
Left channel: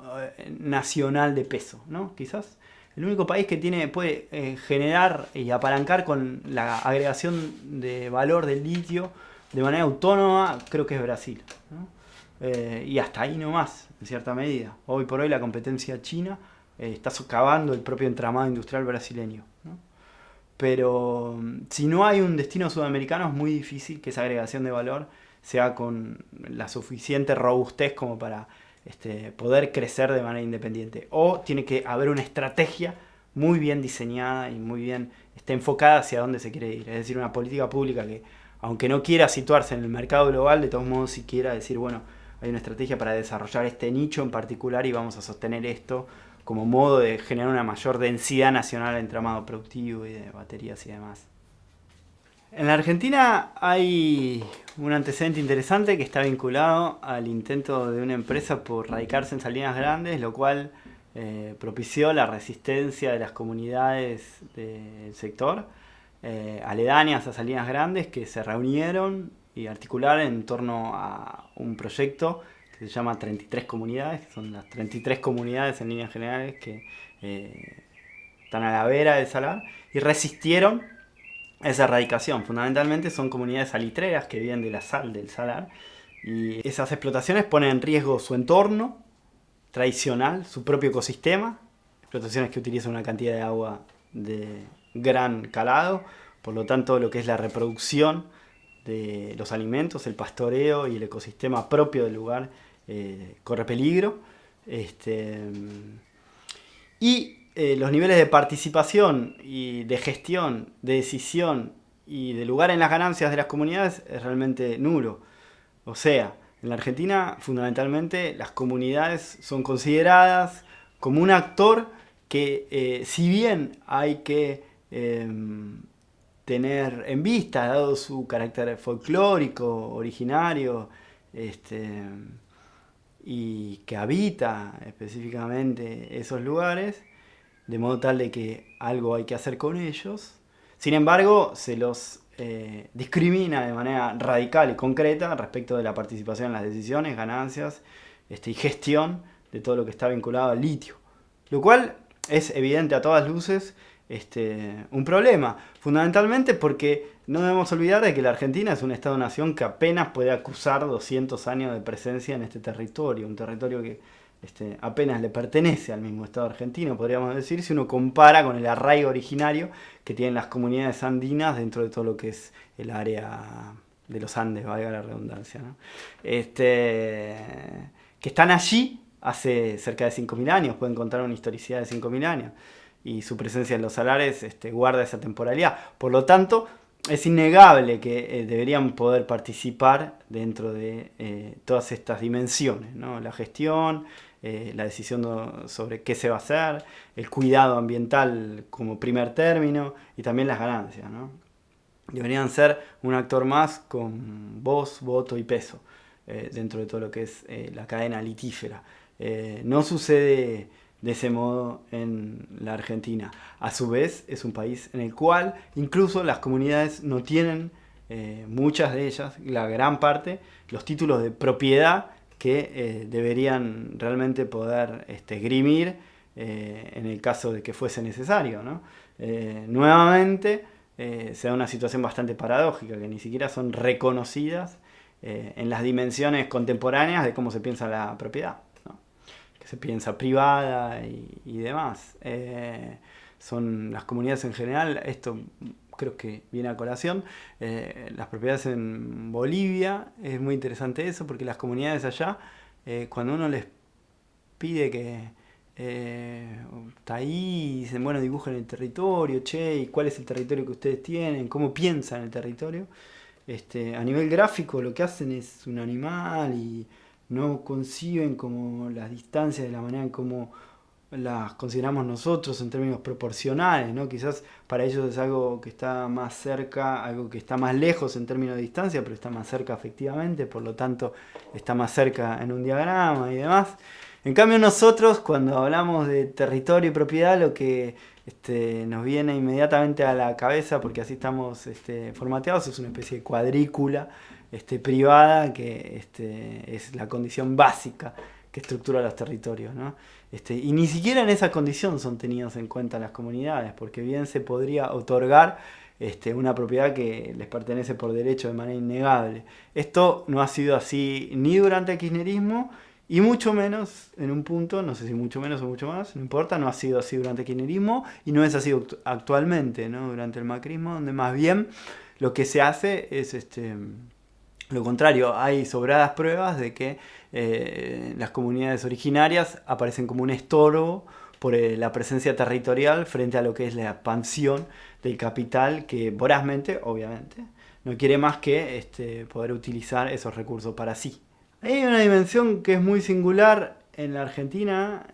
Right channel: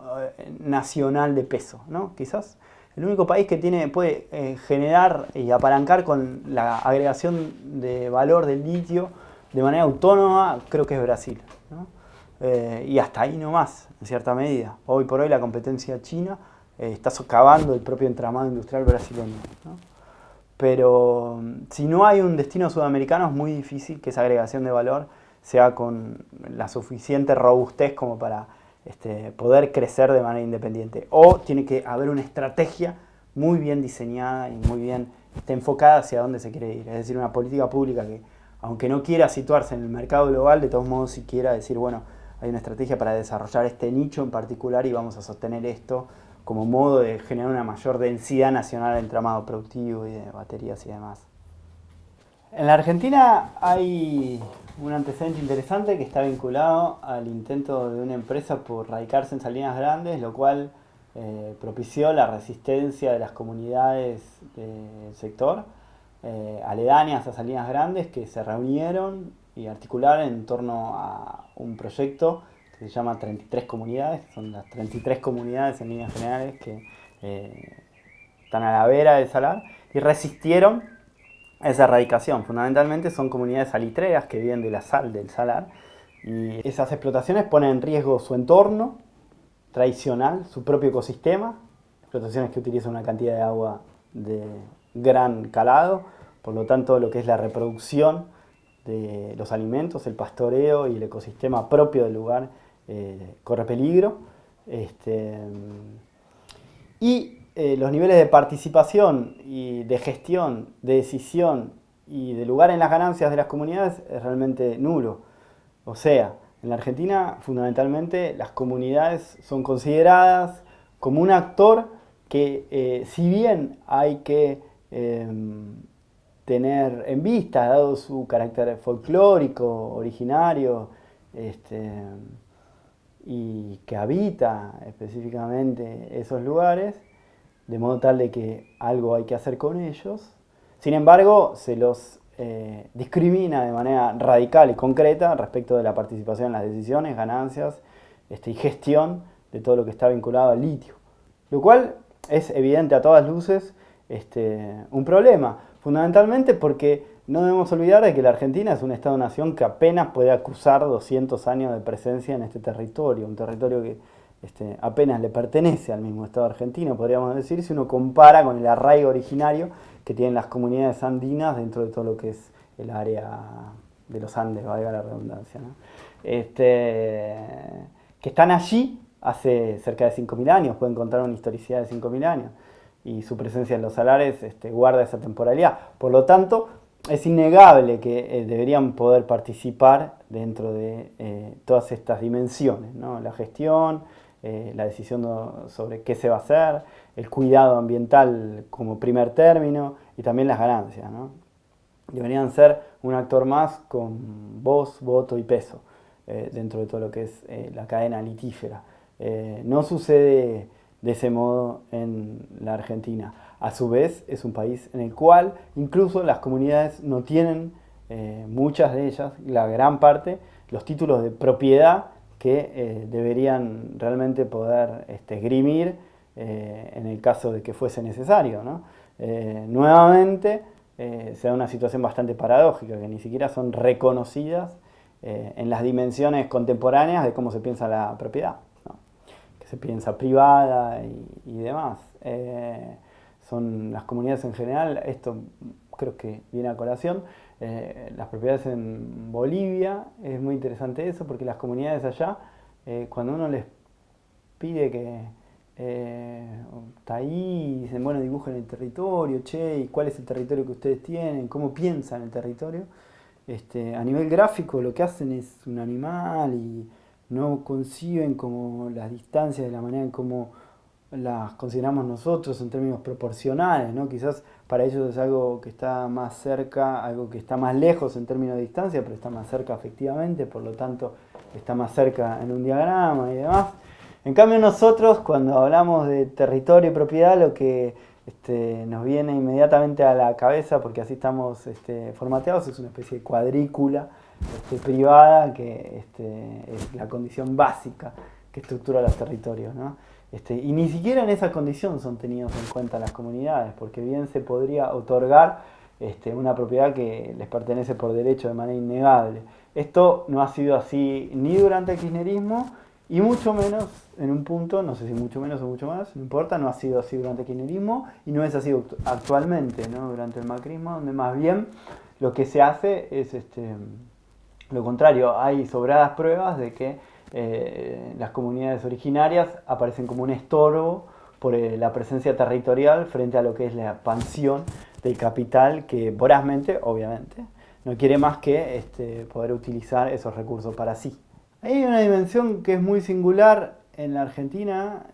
nacional de peso, ¿no? Quizás el único país que puede generar y apalancar con la agregación de valor del litio de manera autónoma, creo que es Brasil, ¿no? Y hasta ahí nomás, en cierta medida. Hoy por hoy la competencia china está socavando el propio entramado industrial brasileño, ¿no? Pero si no hay un destino sudamericano es muy difícil que esa agregación de valor sea con la suficiente robustez como para poder crecer de manera independiente. O tiene que haber una estrategia muy bien diseñada y muy bien enfocada hacia dónde se quiere ir. Es decir, una política pública que, aunque no quiera situarse en el mercado global, de todos modos sí quiera decir, bueno, hay una estrategia para desarrollar este nicho en particular y vamos a sostener esto como modo de generar una mayor densidad nacional de entramado productivo y de baterías y demás. En la Argentina hay un antecedente interesante que está vinculado al intento de una empresa por radicarse en Salinas Grandes, lo cual propició la resistencia de las comunidades del sector aledañas a Salinas Grandes, que se reunieron y articularon en torno a un proyecto que se llama 33 comunidades, que son las 33 comunidades en líneas generales que están a la vera del salar y resistieron a esa erradicación. Fundamentalmente son comunidades salitreras que viven de la sal del salar y esas explotaciones ponen en riesgo su entorno tradicional, su propio ecosistema, explotaciones que utilizan una cantidad de agua de gran calado, por lo tanto lo que es la reproducción de los alimentos, el pastoreo y el ecosistema propio del lugar corre peligro. Los niveles de participación y de gestión, de decisión y de lugar en las ganancias de las comunidades es realmente nulo. O sea, en la Argentina fundamentalmente las comunidades son consideradas como un actor que si bien hay que tener en vista, dado su carácter folclórico, originario, y que habita específicamente esos lugares, de modo tal de que algo hay que hacer con ellos. Sin embargo, se los discrimina de manera radical y concreta respecto de la participación en las decisiones, ganancias y gestión de todo lo que está vinculado al litio. Lo cual es evidente a todas luces un problema, fundamentalmente porque no debemos olvidar de que la Argentina es un Estado-nación que apenas puede acusar 200 años de presencia en este territorio, un territorio que apenas le pertenece al mismo Estado argentino, podríamos decir, si uno compara con el arraigo originario que tienen las comunidades andinas dentro de todo lo que es el área de los Andes, valga la redundancia, ¿no? Que están allí hace cerca de 5.000 años, pueden contar una historicidad de 5.000 años, y su presencia en los salares guarda esa temporalidad. Por lo tanto, es innegable que deberían poder participar dentro de todas estas dimensiones, ¿no? La gestión, la decisión sobre qué se va a hacer, el cuidado ambiental como primer término y también las ganancias, ¿no? Deberían ser un actor más con voz, voto y peso dentro de todo lo que es la cadena litífera. No sucede de ese modo en la Argentina. A su vez, es un país en el cual incluso las comunidades no tienen, muchas de ellas, la gran parte, los títulos de propiedad que deberían realmente poder esgrimir en el caso de que fuese necesario, ¿no? Nuevamente se da una situación bastante paradójica, que ni siquiera son reconocidas en las dimensiones contemporáneas de cómo se piensa la propiedad, ¿no? Que se piensa privada y demás. Son las comunidades en general, esto creo que viene a colación, las propiedades en Bolivia, es muy interesante eso, porque las comunidades allá, cuando uno les pide que está ahí y dicen, bueno, dibujen el territorio, che, ¿y cuál es el territorio que ustedes tienen? ¿Cómo piensan el territorio? A nivel gráfico lo que hacen es un animal y no conciben como las distancias de la manera en cómo las consideramos nosotros en términos proporcionales, ¿no? Quizás para ellos es algo que está más cerca, algo que está más lejos en términos de distancia, pero está más cerca efectivamente, por lo tanto está más cerca en un diagrama y demás. En cambio nosotros, cuando hablamos de territorio y propiedad, lo que nos viene inmediatamente a la cabeza, porque así estamos formateados, es una especie de cuadrícula privada que es la condición básica que estructura los territorios, ¿no? Y ni siquiera en esa condición son tenidos en cuenta las comunidades, porque bien se podría otorgar una propiedad que les pertenece por derecho de manera innegable. Esto no ha sido así ni durante el kirchnerismo y mucho menos en un punto, no sé si mucho menos o mucho más, no importa, no ha sido así durante el kirchnerismo y no es así actualmente, ¿no? Durante el macrismo, donde más bien lo que se hace es lo contrario. Hay sobradas pruebas de que las comunidades originarias aparecen como un estorbo por la presencia territorial frente a lo que es la expansión del capital que vorazmente, obviamente, no quiere más que poder utilizar esos recursos para sí. Hay una dimensión que es muy singular en la Argentina,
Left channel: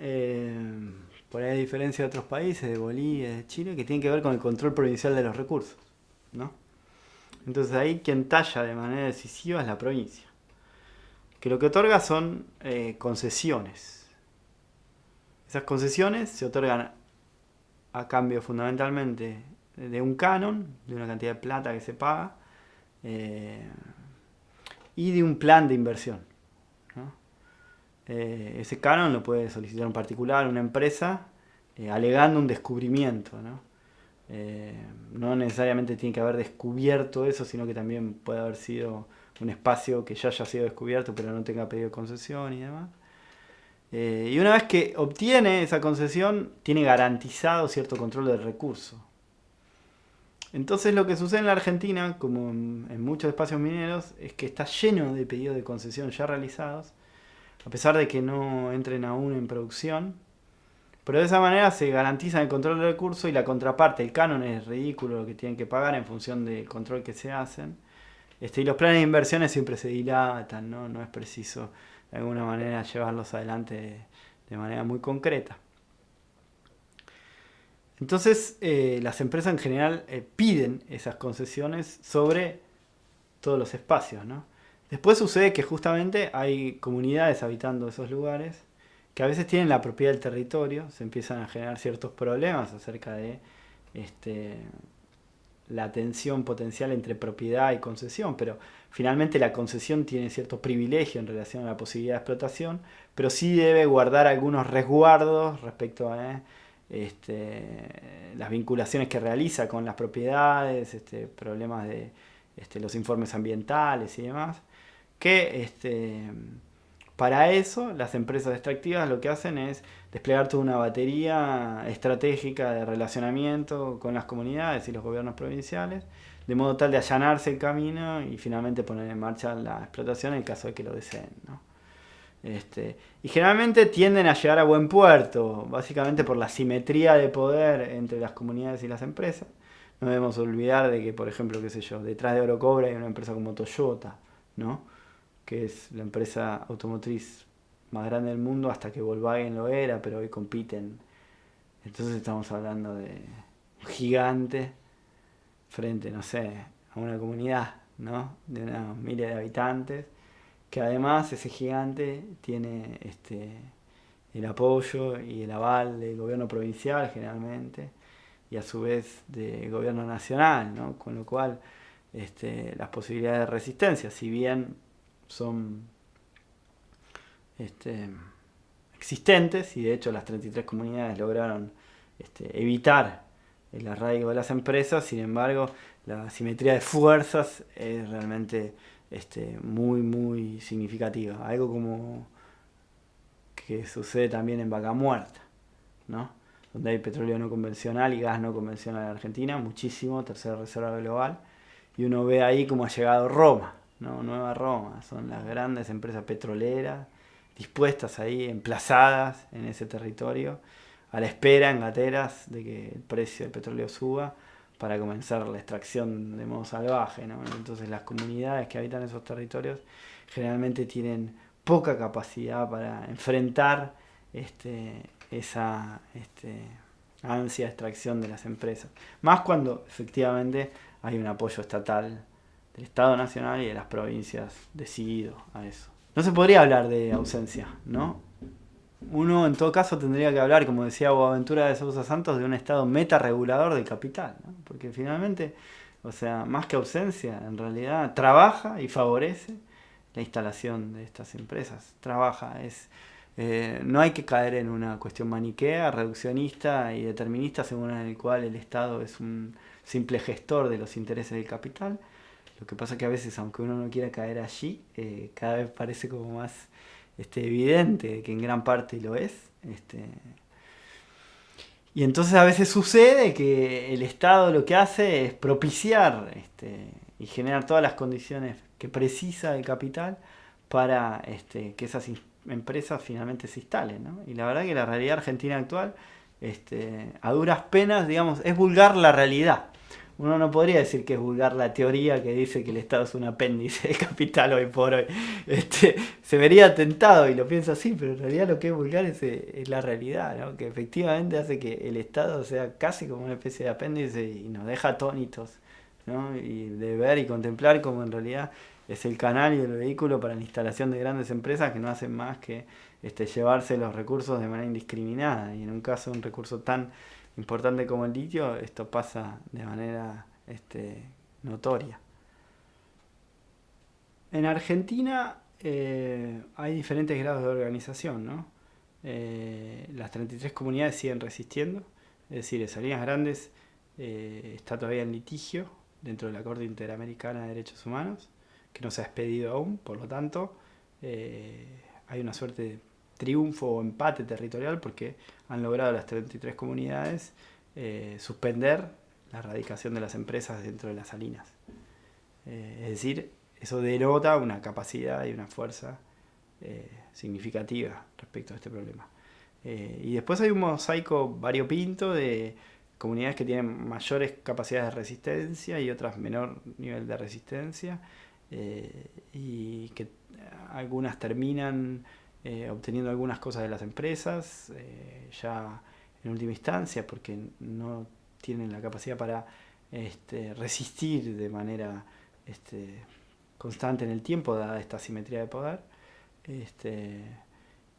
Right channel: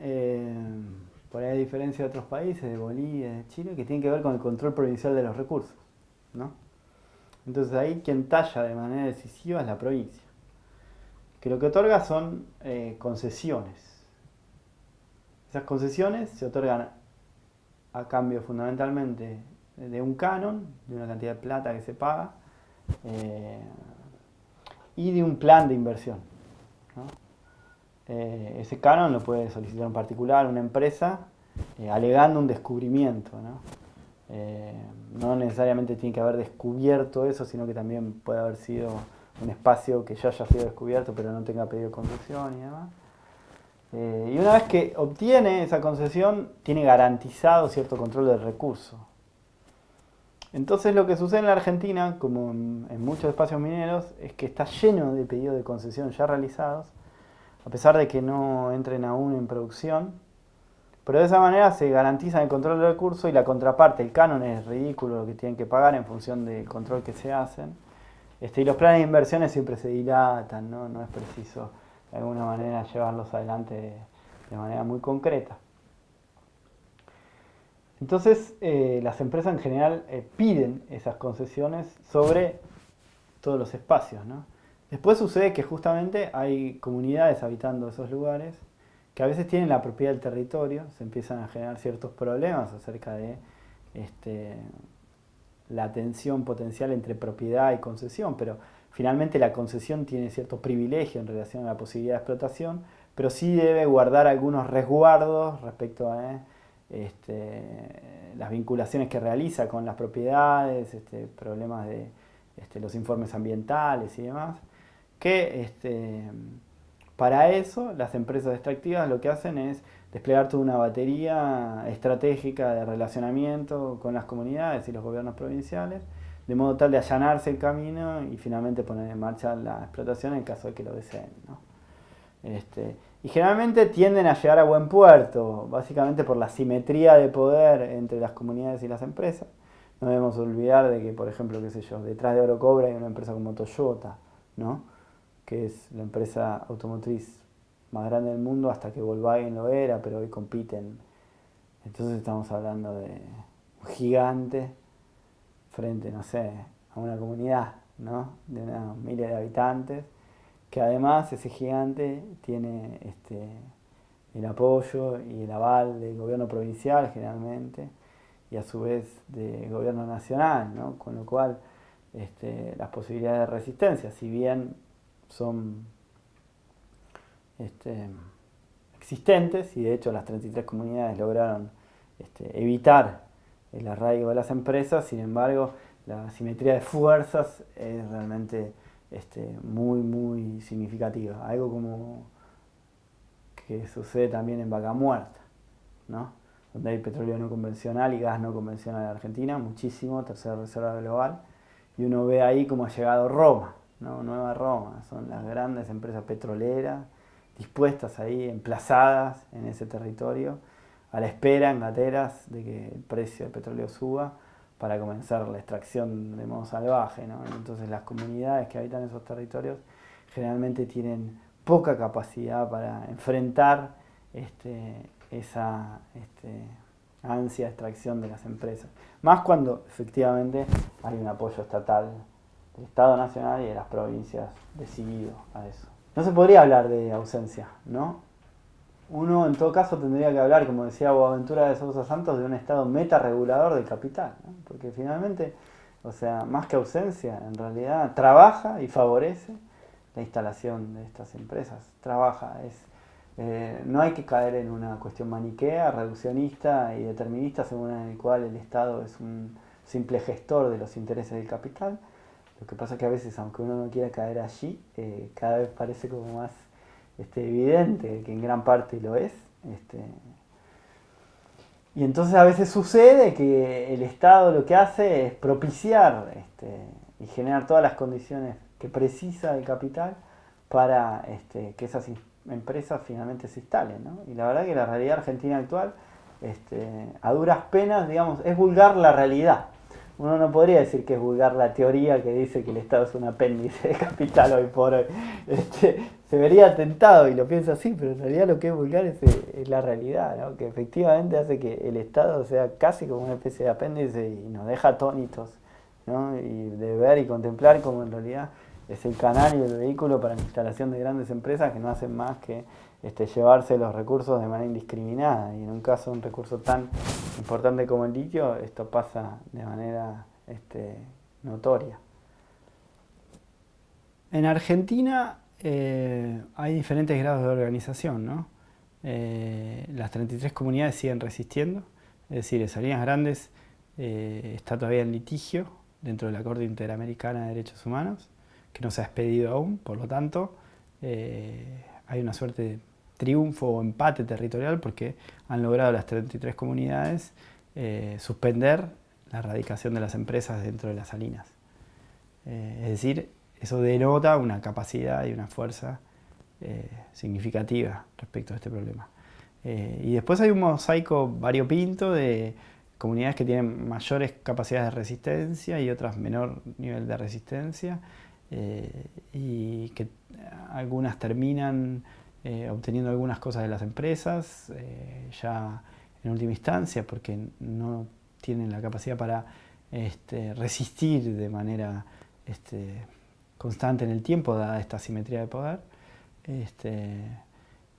por ahí a diferencia de otros países, de Bolivia, de Chile, que tiene que ver con el control provincial de los recursos, ¿no? Entonces ahí quien talla de manera decisiva es la provincia, que lo que otorga son concesiones. Esas concesiones se otorgan a cambio fundamentalmente de un canon, de una cantidad de plata que se paga, y de un plan de inversión, ¿no? Ese canon lo puede solicitar un particular, una empresa, alegando un descubrimiento, ¿no? No necesariamente tiene que haber descubierto eso, sino que también puede haber sido un espacio que ya haya sido descubierto pero no tenga pedido concesión y demás. Y una vez que obtiene esa concesión, tiene garantizado cierto control del recurso. Entonces lo que sucede en la Argentina, como en muchos espacios mineros, es que está lleno de pedidos de concesión ya realizados, a pesar de que no entren aún en producción. Pero de esa manera se garantiza el control del recurso y la contraparte, el canon es ridículo lo que tienen que pagar en función del control que se hacen. Y los planes de inversiones siempre se dilatan, ¿no? No es preciso de alguna manera llevarlos adelante de manera muy concreta. Entonces las empresas en general piden esas concesiones sobre todos los espacios, ¿no? Después sucede que justamente hay comunidades habitando esos lugares que a veces tienen la propiedad del territorio, se empiezan a generar ciertos problemas acerca de la tensión potencial entre propiedad y concesión, pero finalmente la concesión tiene cierto privilegio en relación a la posibilidad de explotación, pero sí debe guardar algunos resguardos respecto a las vinculaciones que realiza con las propiedades, problemas de los informes ambientales y demás, que para eso las empresas extractivas lo que hacen es desplegar toda una batería estratégica de relacionamiento con las comunidades y los gobiernos provinciales, de modo tal de allanarse el camino y finalmente poner en marcha la explotación en caso de que lo deseen, ¿no? Y generalmente tienden a llegar a buen puerto, básicamente por la simetría de poder entre las comunidades y las empresas. No debemos olvidar de que, por ejemplo, qué sé yo, detrás de Orocobre hay una empresa como Toyota, ¿no? Que es la empresa automotriz más grande del mundo hasta que Volkswagen lo era, pero hoy compiten. Entonces estamos hablando de un gigante frente, no sé, a una comunidad, ¿no? De unos miles de habitantes, que además ese gigante tiene el apoyo y el aval del gobierno provincial generalmente, y a su vez del gobierno nacional, ¿no? Con lo cual las posibilidades de resistencia, si bien son existentes, y de hecho las 33 comunidades lograron evitar el arraigo de las empresas, sin embargo la simetría de fuerzas es realmente muy muy significativa, algo como que sucede también en Vaca Muerta, ¿no? Donde hay petróleo no convencional y gas no convencional en Argentina, muchísimo, tercera reserva global, y uno ve ahí cómo ha llegado Roma, ¿no? Nueva Roma, son las grandes empresas petroleras dispuestas ahí, emplazadas en ese territorio, a la espera, en gateras, de que el precio del petróleo suba para comenzar la extracción de modo salvaje, ¿no? Entonces las comunidades que habitan esos territorios generalmente tienen poca capacidad para enfrentar esa ansia de extracción de las empresas. Más cuando efectivamente hay un apoyo estatal del Estado Nacional y de las provincias decidido a eso. No se podría hablar de ausencia, ¿no? Uno en todo caso tendría que hablar, como decía Boaventura de Sousa Santos, de un Estado meta-regulador del capital, ¿no? Porque finalmente, o sea, más que ausencia, en realidad trabaja y favorece la instalación de estas empresas. Trabaja, No hay que caer en una cuestión maniquea, reduccionista y determinista, según el cual el Estado es un simple gestor de los intereses del capital. Lo que pasa es que a veces, aunque uno no quiera caer allí, cada vez parece como más evidente que en gran parte lo es. Y entonces a veces sucede que el Estado lo que hace es propiciar y generar todas las condiciones que precisa el capital para que esas empresas finalmente se instalen, ¿no? Y la verdad que la realidad argentina actual, a duras penas, digamos, es vulgar la realidad. Uno no podría decir que es vulgar la teoría que dice que el Estado es un apéndice del capital hoy por hoy. Se vería tentado y lo pienso así, pero en realidad lo que es vulgar es la realidad, ¿no? Que efectivamente hace que el Estado sea casi como una especie de apéndice y nos deja atónitos, ¿no? Y de ver y contemplar como en realidad es el canal y el vehículo para la instalación de grandes empresas que no hacen más que llevarse los recursos de manera indiscriminada. Y en un caso de un recurso tan importante como el litio, esto pasa de manera notoria. En Argentina hay diferentes grados de organización, ¿no? Las 33 comunidades siguen resistiendo, es decir, Salinas Grandes está todavía en litigio dentro de la Corte Interamericana de Derechos Humanos, que no se ha expedido aún, por lo tanto hay una suerte de triunfo o empate territorial porque han logrado las 33 comunidades suspender la erradicación de las empresas dentro de las salinas. Es decir, eso denota una capacidad y una fuerza significativa respecto a este problema. Y después hay un mosaico variopinto de comunidades que tienen mayores capacidades de resistencia y otras menor nivel de resistencia, y que algunas terminan obteniendo algunas cosas de las empresas ya en última instancia porque no tienen la capacidad para resistir de manera constante en el tiempo dada esta asimetría de poder.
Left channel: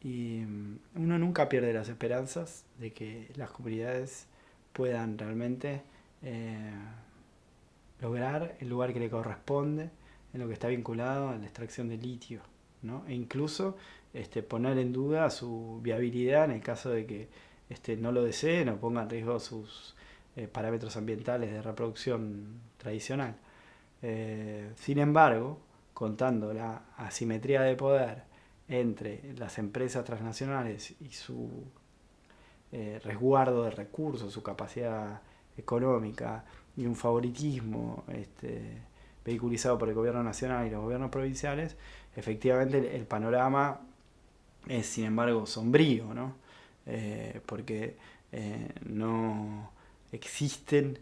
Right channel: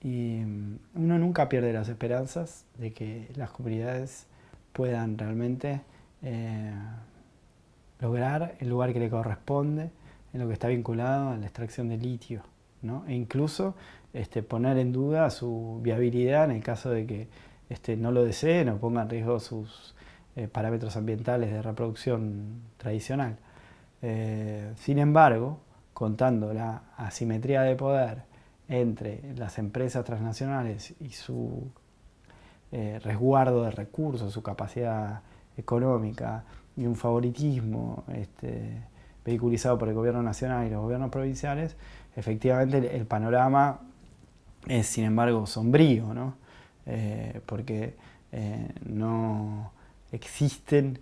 Y uno nunca pierde las esperanzas de que las comunidades puedan realmente lograr el lugar que le corresponde en lo que está vinculado a la extracción de litio, ¿no? E incluso poner en duda su viabilidad en el caso de que no lo deseen o ponga en riesgo sus parámetros ambientales de reproducción tradicional. Sin embargo, contando la asimetría de poder entre las empresas transnacionales y su resguardo de recursos, su capacidad económica y un favoritismo vehiculizado por el gobierno nacional y los gobiernos provinciales, efectivamente el panorama es sin embargo sombrío, ¿no? Porque no existen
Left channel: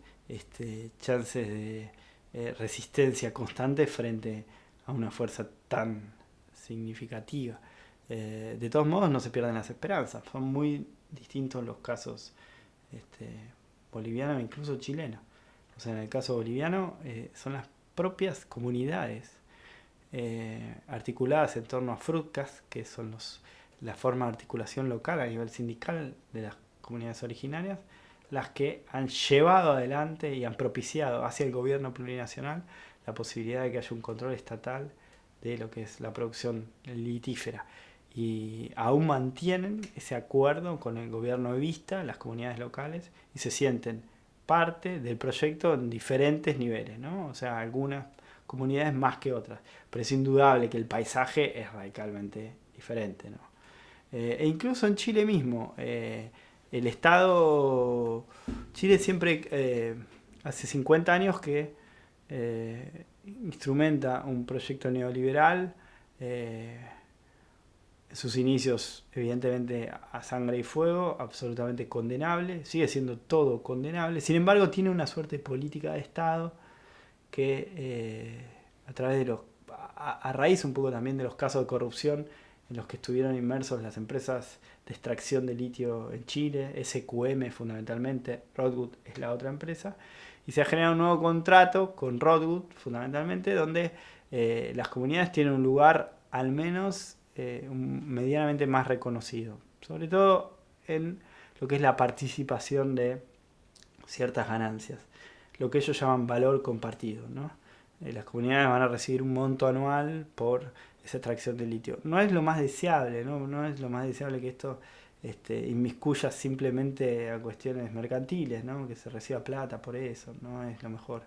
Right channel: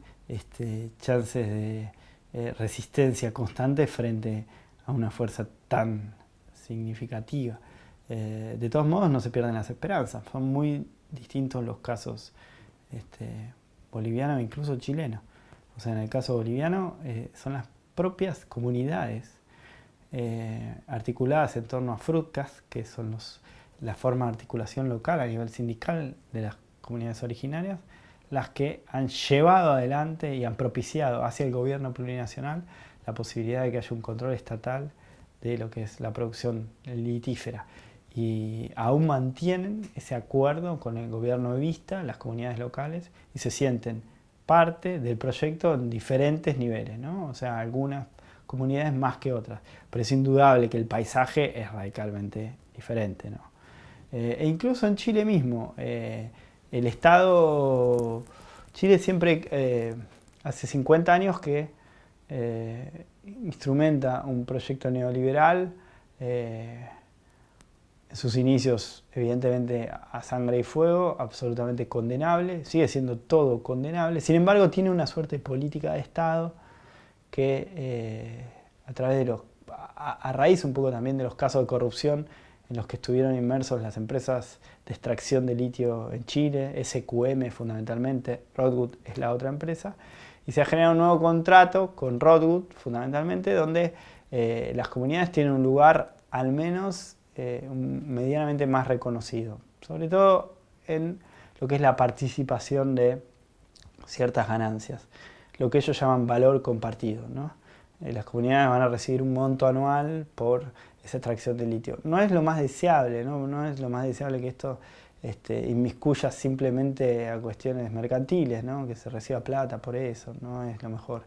chances de resistencia constante frente a una fuerza tan significativa. De todos modos no se pierden las esperanzas, son muy distintos los casos boliviano e incluso chileno. O sea, en el caso boliviano son las propias comunidades articuladas en torno a FRUTCAS, que son la forma de articulación local a nivel sindical de las comunidades originarias, las que han llevado adelante y han propiciado hacia el gobierno plurinacional la posibilidad de que haya un control estatal de lo que es la producción litífera. Y aún mantienen ese acuerdo con el gobierno evista, las comunidades locales, y se sienten parte del proyecto en diferentes niveles, ¿no? O sea, algunas comunidades más que otras, pero es indudable que el paisaje es radicalmente diferente, ¿no? E incluso en Chile mismo, el Estado, Chile siempre, hace 50 años que instrumenta un proyecto neoliberal, en sus inicios evidentemente a sangre y fuego, absolutamente condenable, sigue siendo todo condenable, sin embargo tiene una suerte de política de Estado que a través de a raíz un poco también de los casos de corrupción en los que estuvieron inmersos las empresas de extracción de litio en Chile, SQM fundamentalmente, Rodwood es la otra empresa, y se ha generado un nuevo contrato con Rodwood fundamentalmente, donde las comunidades tienen un lugar al menos medianamente más reconocido, sobre todo en lo que es la participación de ciertas ganancias, lo que ellos llaman valor compartido, ¿no? Las comunidades van a recibir un monto anual por esa extracción de litio. No es lo más deseable, no es lo más deseable que esto inmiscuya simplemente a cuestiones mercantiles, ¿no? Que se reciba plata por eso, no es lo mejor.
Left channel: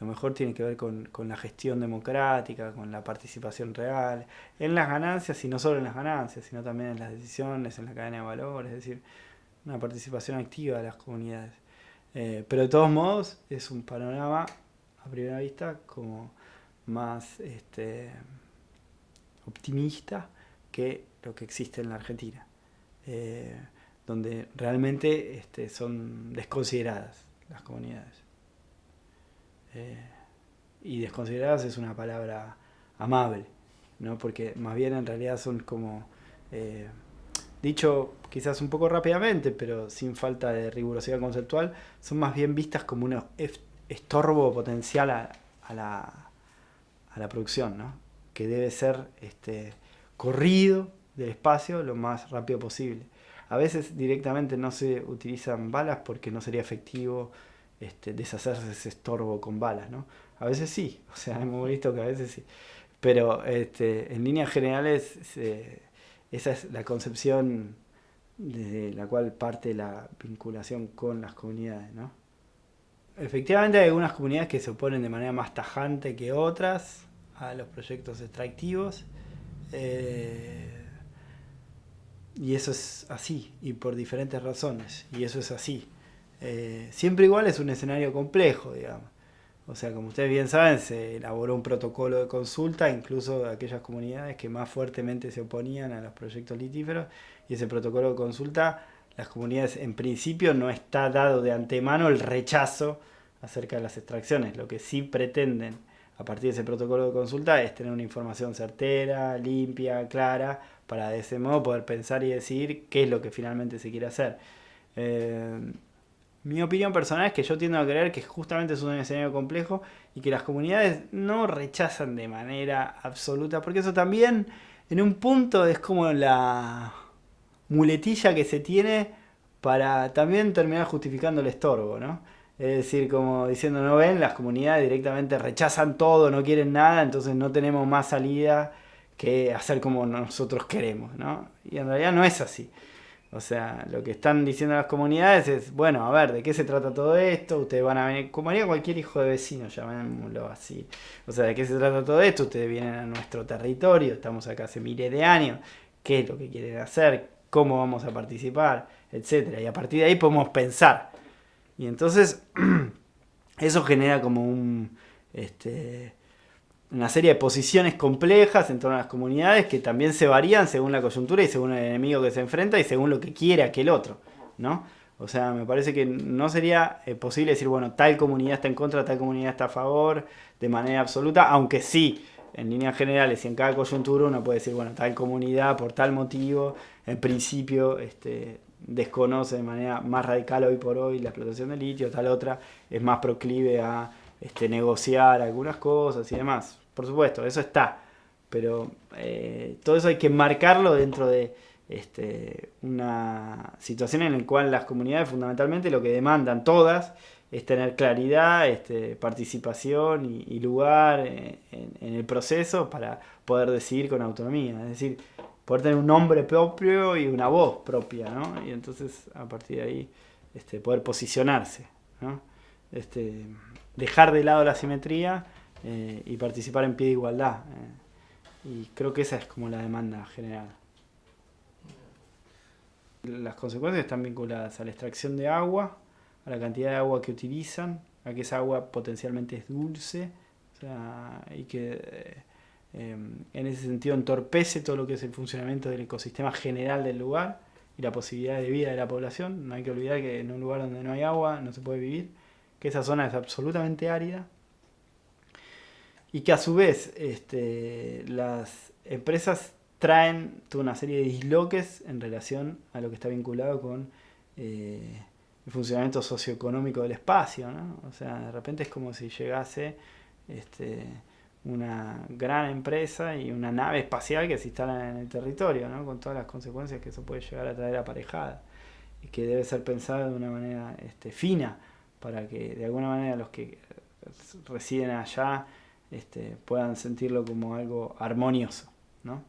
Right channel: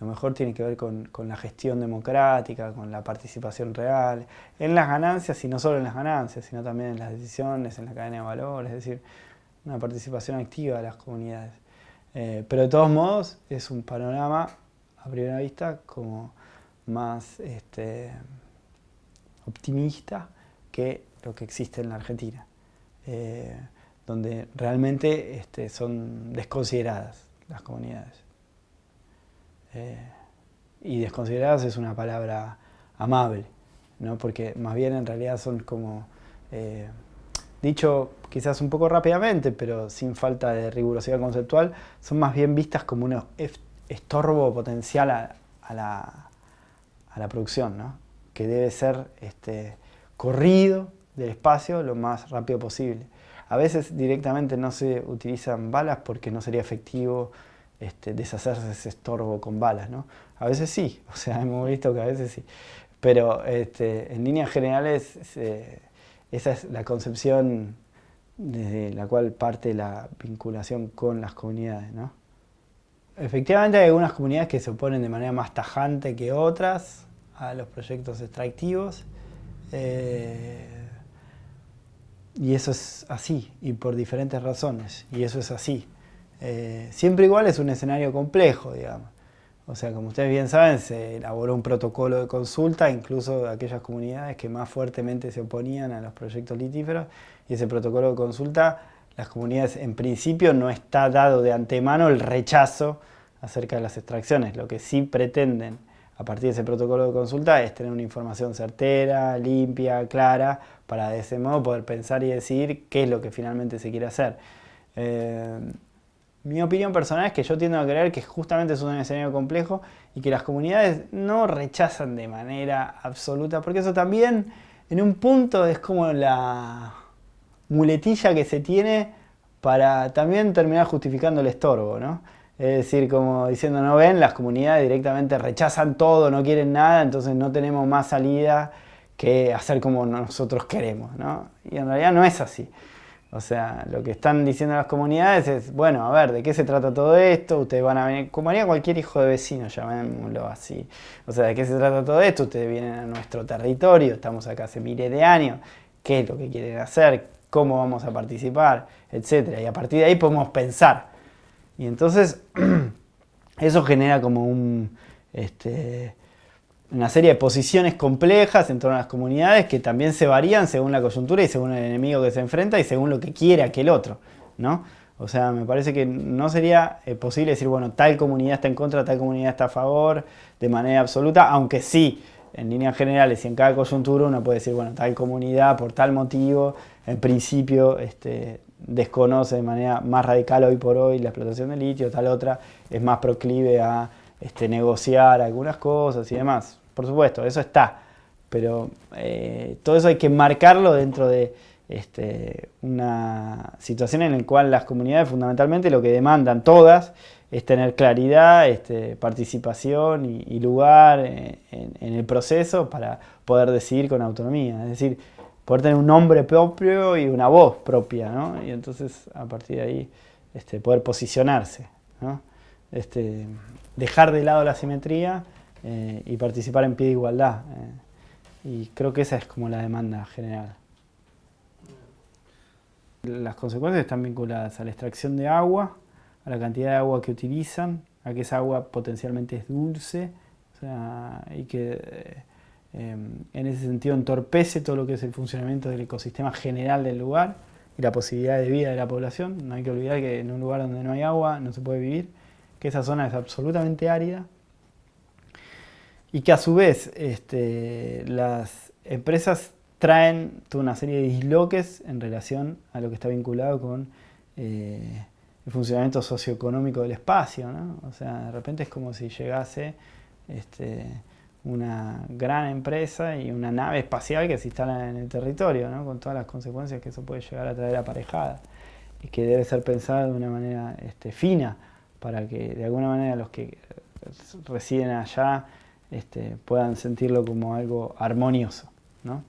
Lo mejor tiene que ver con la gestión democrática, con la participación real, en las ganancias y no solo en las ganancias, sino también en las decisiones, en la cadena de valor, es decir, una participación activa de las comunidades. Pero de todos modos es un panorama a primera vista como más optimista que lo que existe en la Argentina, eh, donde realmente son desconsideradas las comunidades. Y desconsideradas es una palabra amable, ¿no? Porque más bien en realidad son como, dicho quizás un poco rápidamente, pero sin falta de rigurosidad conceptual, son más bien vistas como un estorbo potencial a la producción, ¿no? Que debe ser corrido del espacio lo más rápido posible. A veces directamente no se utilizan balas porque no sería efectivo deshacerse de ese estorbo con balas, ¿no? A veces sí, o sea, hemos visto que a veces sí. Pero en líneas generales esa es la concepción desde la cual parte la vinculación con las comunidades, ¿no? Efectivamente hay algunas comunidades que se oponen de manera más tajante que otras a los proyectos extractivos. eh, y eso es así, y por diferentes razones, y eso es así. Siempre igual es un escenario complejo, digamos. O sea, como ustedes bien saben, se elaboró un protocolo de consulta, incluso de aquellas comunidades que más fuertemente se oponían a los proyectos litíferos, y ese protocolo de consulta, las comunidades en principio no está dado de antemano el rechazo acerca de las extracciones. Lo que sí pretenden a partir de ese protocolo de consulta es tener una información certera, limpia, clara, para de ese modo poder pensar y decir qué es lo que finalmente se quiere hacer. Eh, Mi opinión personal es que yo tiendo a creer que justamente es un escenario complejo y que las comunidades no rechazan de manera absoluta, porque eso también en un punto es como la muletilla que se tiene para también terminar justificando el estorbo, ¿no? Es decir, como diciendo, no ven, las comunidades directamente rechazan todo, no quieren nada, entonces no tenemos más salida que hacer como nosotros queremos, ¿no? Y en realidad no es así. O sea, lo que están diciendo las comunidades es, bueno, a ver, ¿de qué se trata todo esto? Ustedes van a venir, como haría cualquier hijo de vecino, llamémoslo así. O sea, ¿de qué se trata todo esto? Ustedes vienen a nuestro territorio, estamos acá hace miles de años, ¿qué es lo que quieren hacer? ¿Cómo vamos a participar? Etcétera. Y a partir de ahí podemos pensar. Y entonces, eso genera como una serie de posiciones complejas en torno a las comunidades que también se varían según la coyuntura y según el enemigo que se enfrenta y según lo que quiere aquel otro, ¿no? O sea, me parece que no sería posible decir, bueno, tal comunidad está en contra, tal comunidad está a favor, de manera absoluta, aunque sí, en líneas generales y en cada coyuntura uno puede decir, bueno, tal comunidad por tal motivo, en principio desconoce de manera más radical hoy por hoy la explotación del litio, tal otra es más proclive a negociar algunas cosas y demás. Por supuesto, eso está, pero todo eso hay que marcarlo dentro de una situación en la cual las comunidades fundamentalmente lo que demandan todas es tener claridad, participación y lugar en el proceso para poder decidir con autonomía. Es decir, poder tener un nombre propio y una voz propia, ¿no? Y entonces a partir de ahí poder posicionarse, ¿no? Dejar de lado la simetría y participar en pie de igualdad. Y creo que esa es como la demanda general. Las consecuencias están vinculadas a la extracción de agua, a la cantidad de agua que utilizan, a que esa agua potencialmente es dulce, o sea, y que en ese sentido entorpece todo lo que es el funcionamiento del ecosistema general del lugar y la posibilidad de vida de la población. No hay que olvidar que en un lugar donde no hay agua no se puede vivir, que esa zona es absolutamente árida y que a su vez las empresas traen toda una serie de disloques en relación a lo que está vinculado con el funcionamiento socioeconómico del espacio, ¿no? O sea, de repente es como si llegase una gran empresa y una nave espacial que se instala en el territorio, ¿no? Con todas las consecuencias que eso puede llegar a traer aparejada y que debe ser pensada de una manera fina para que de alguna manera los que residen allá puedan sentirlo como algo armonioso. ¿no?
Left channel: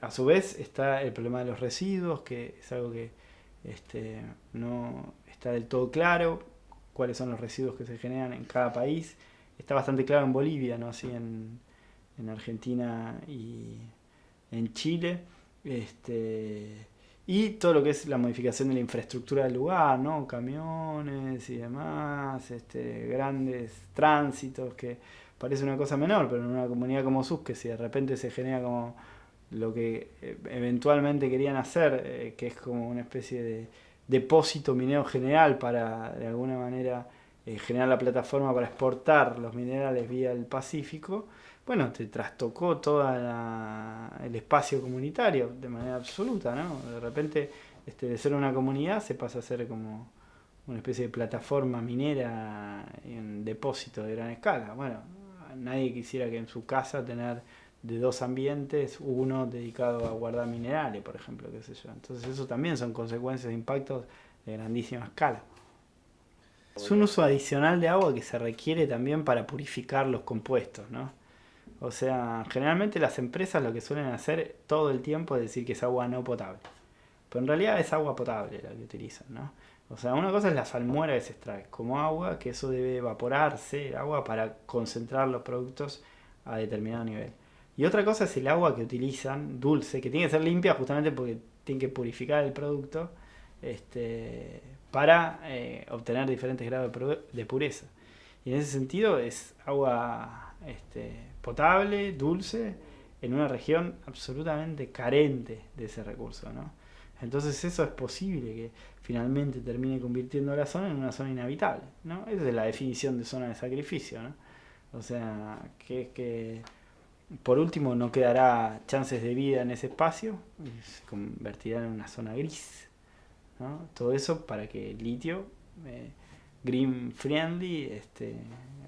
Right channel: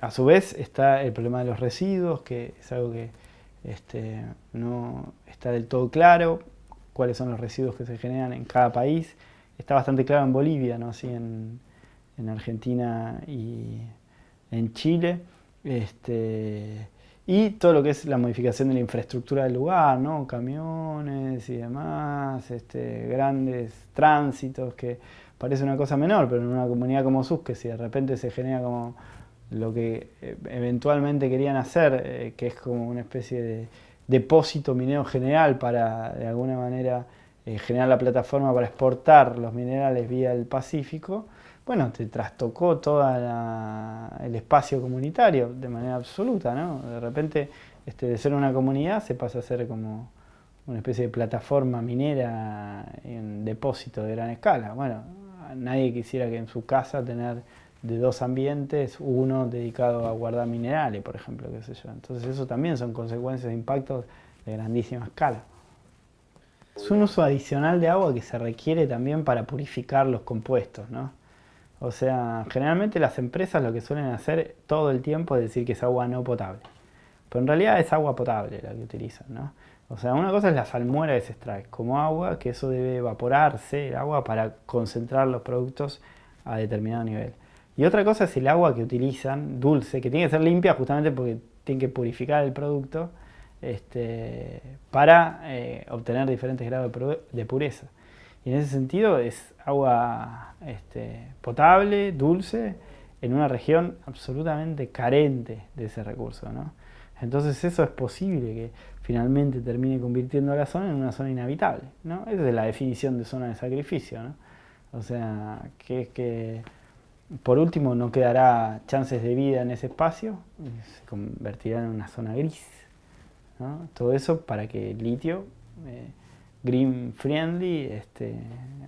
A su vez está el problema de los residuos, que es algo que no está del todo claro, cuáles son los residuos que se generan en cada país. Está bastante claro en Bolivia, ¿no? Sí, en Argentina y en Chile. Y todo lo que es la modificación de la infraestructura del lugar, ¿no? Camiones y demás, grandes tránsitos, que parece una cosa menor, pero en una comunidad como Sus, que si de repente se genera como lo que eventualmente querían hacer, que es como una especie de depósito minero general para de alguna manera generar la plataforma para exportar los minerales vía el Pacífico, bueno, te trastocó todo el espacio comunitario de manera absoluta, ¿no? De repente, de ser una comunidad se pasa a ser como una especie de plataforma minera en depósito de gran escala. Bueno, nadie quisiera que en su casa tener de dos ambientes, uno dedicado a guardar minerales, por ejemplo, qué sé yo. Entonces eso también son consecuencias de impactos de grandísima escala. Es un uso adicional de agua que se requiere también para purificar los compuestos, ¿no? O sea, generalmente las empresas lo que suelen hacer todo el tiempo es decir que es agua no potable. Pero en realidad es agua potable la que utilizan, ¿no? O sea, una cosa es la salmuera que se extrae como agua, que eso debe evaporarse, el agua, para concentrar los productos a determinado nivel. Y otra cosa es el agua que utilizan, dulce, que tiene que ser limpia justamente porque tiene que purificar el producto para obtener diferentes grados de pureza. Y en ese sentido es agua potable, dulce, en una región absolutamente carente de ese recurso, ¿no? Entonces eso es posible que finalmente termine convirtiendo a la zona en una zona inhabitable, ¿no? Esa es la definición de zona de sacrificio, ¿no? O sea, que por último no quedará chances de vida en ese espacio, se convertirá en una zona gris, ¿no? Todo eso para que el litio green friendly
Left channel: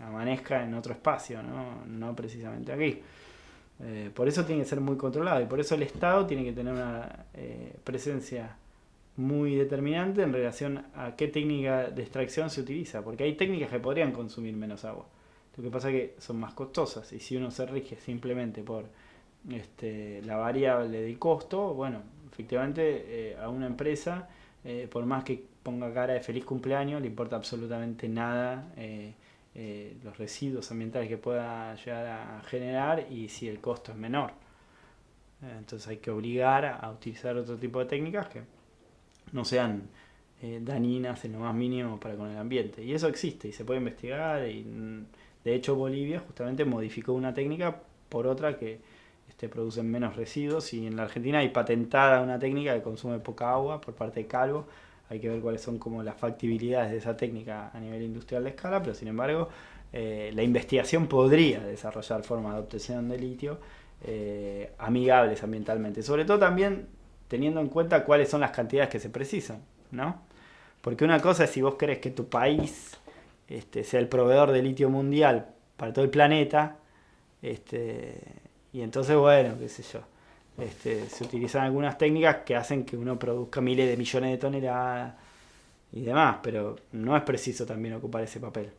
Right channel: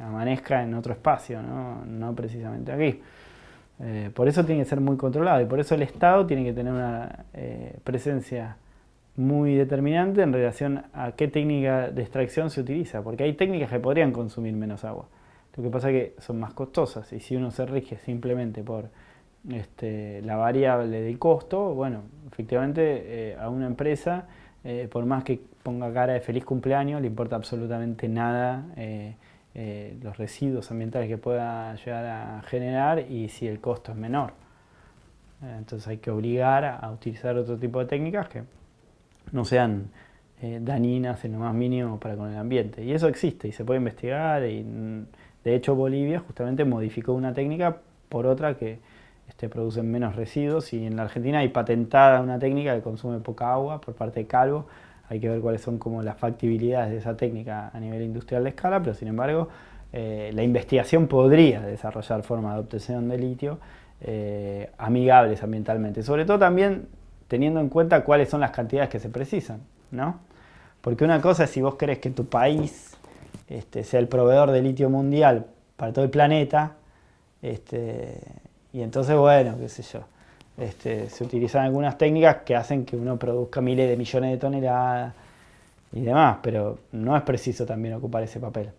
amanezca en otro espacio, no precisamente aquí. Por eso tiene que ser muy controlado y por eso el Estado tiene que tener una presencia muy determinante en relación a qué técnica de extracción se utiliza, porque hay técnicas que podrían consumir menos agua. Lo que pasa es que son más costosas y si uno se rige simplemente por la variable del costo, bueno, efectivamente a una empresa, por más que ponga cara de feliz cumpleaños, le importa absolutamente nada los residuos ambientales que pueda llegar a generar y si el costo es menor. Entonces hay que obligar a utilizar otro tipo de técnicas que no sean dañinas en lo más mínimo para con el ambiente. Y eso existe y se puede investigar. Y, de hecho, Bolivia justamente modificó una técnica por otra que produce menos residuos. Y en la Argentina hay patentada una técnica que consume poca agua por parte de Calvo. Hay que ver cuáles son como las factibilidades de esa técnica a nivel industrial de escala, pero sin embargo la investigación podría desarrollar formas de obtención de litio amigables ambientalmente. Sobre todo también teniendo en cuenta cuáles son las cantidades que se precisan, ¿no? Porque una cosa es si vos querés que tu país sea el proveedor de litio mundial para todo el planeta, y entonces, bueno, qué sé yo, se utilizan algunas técnicas que hacen que uno produzca miles de millones de toneladas y demás, pero no es preciso también ocupar ese papel.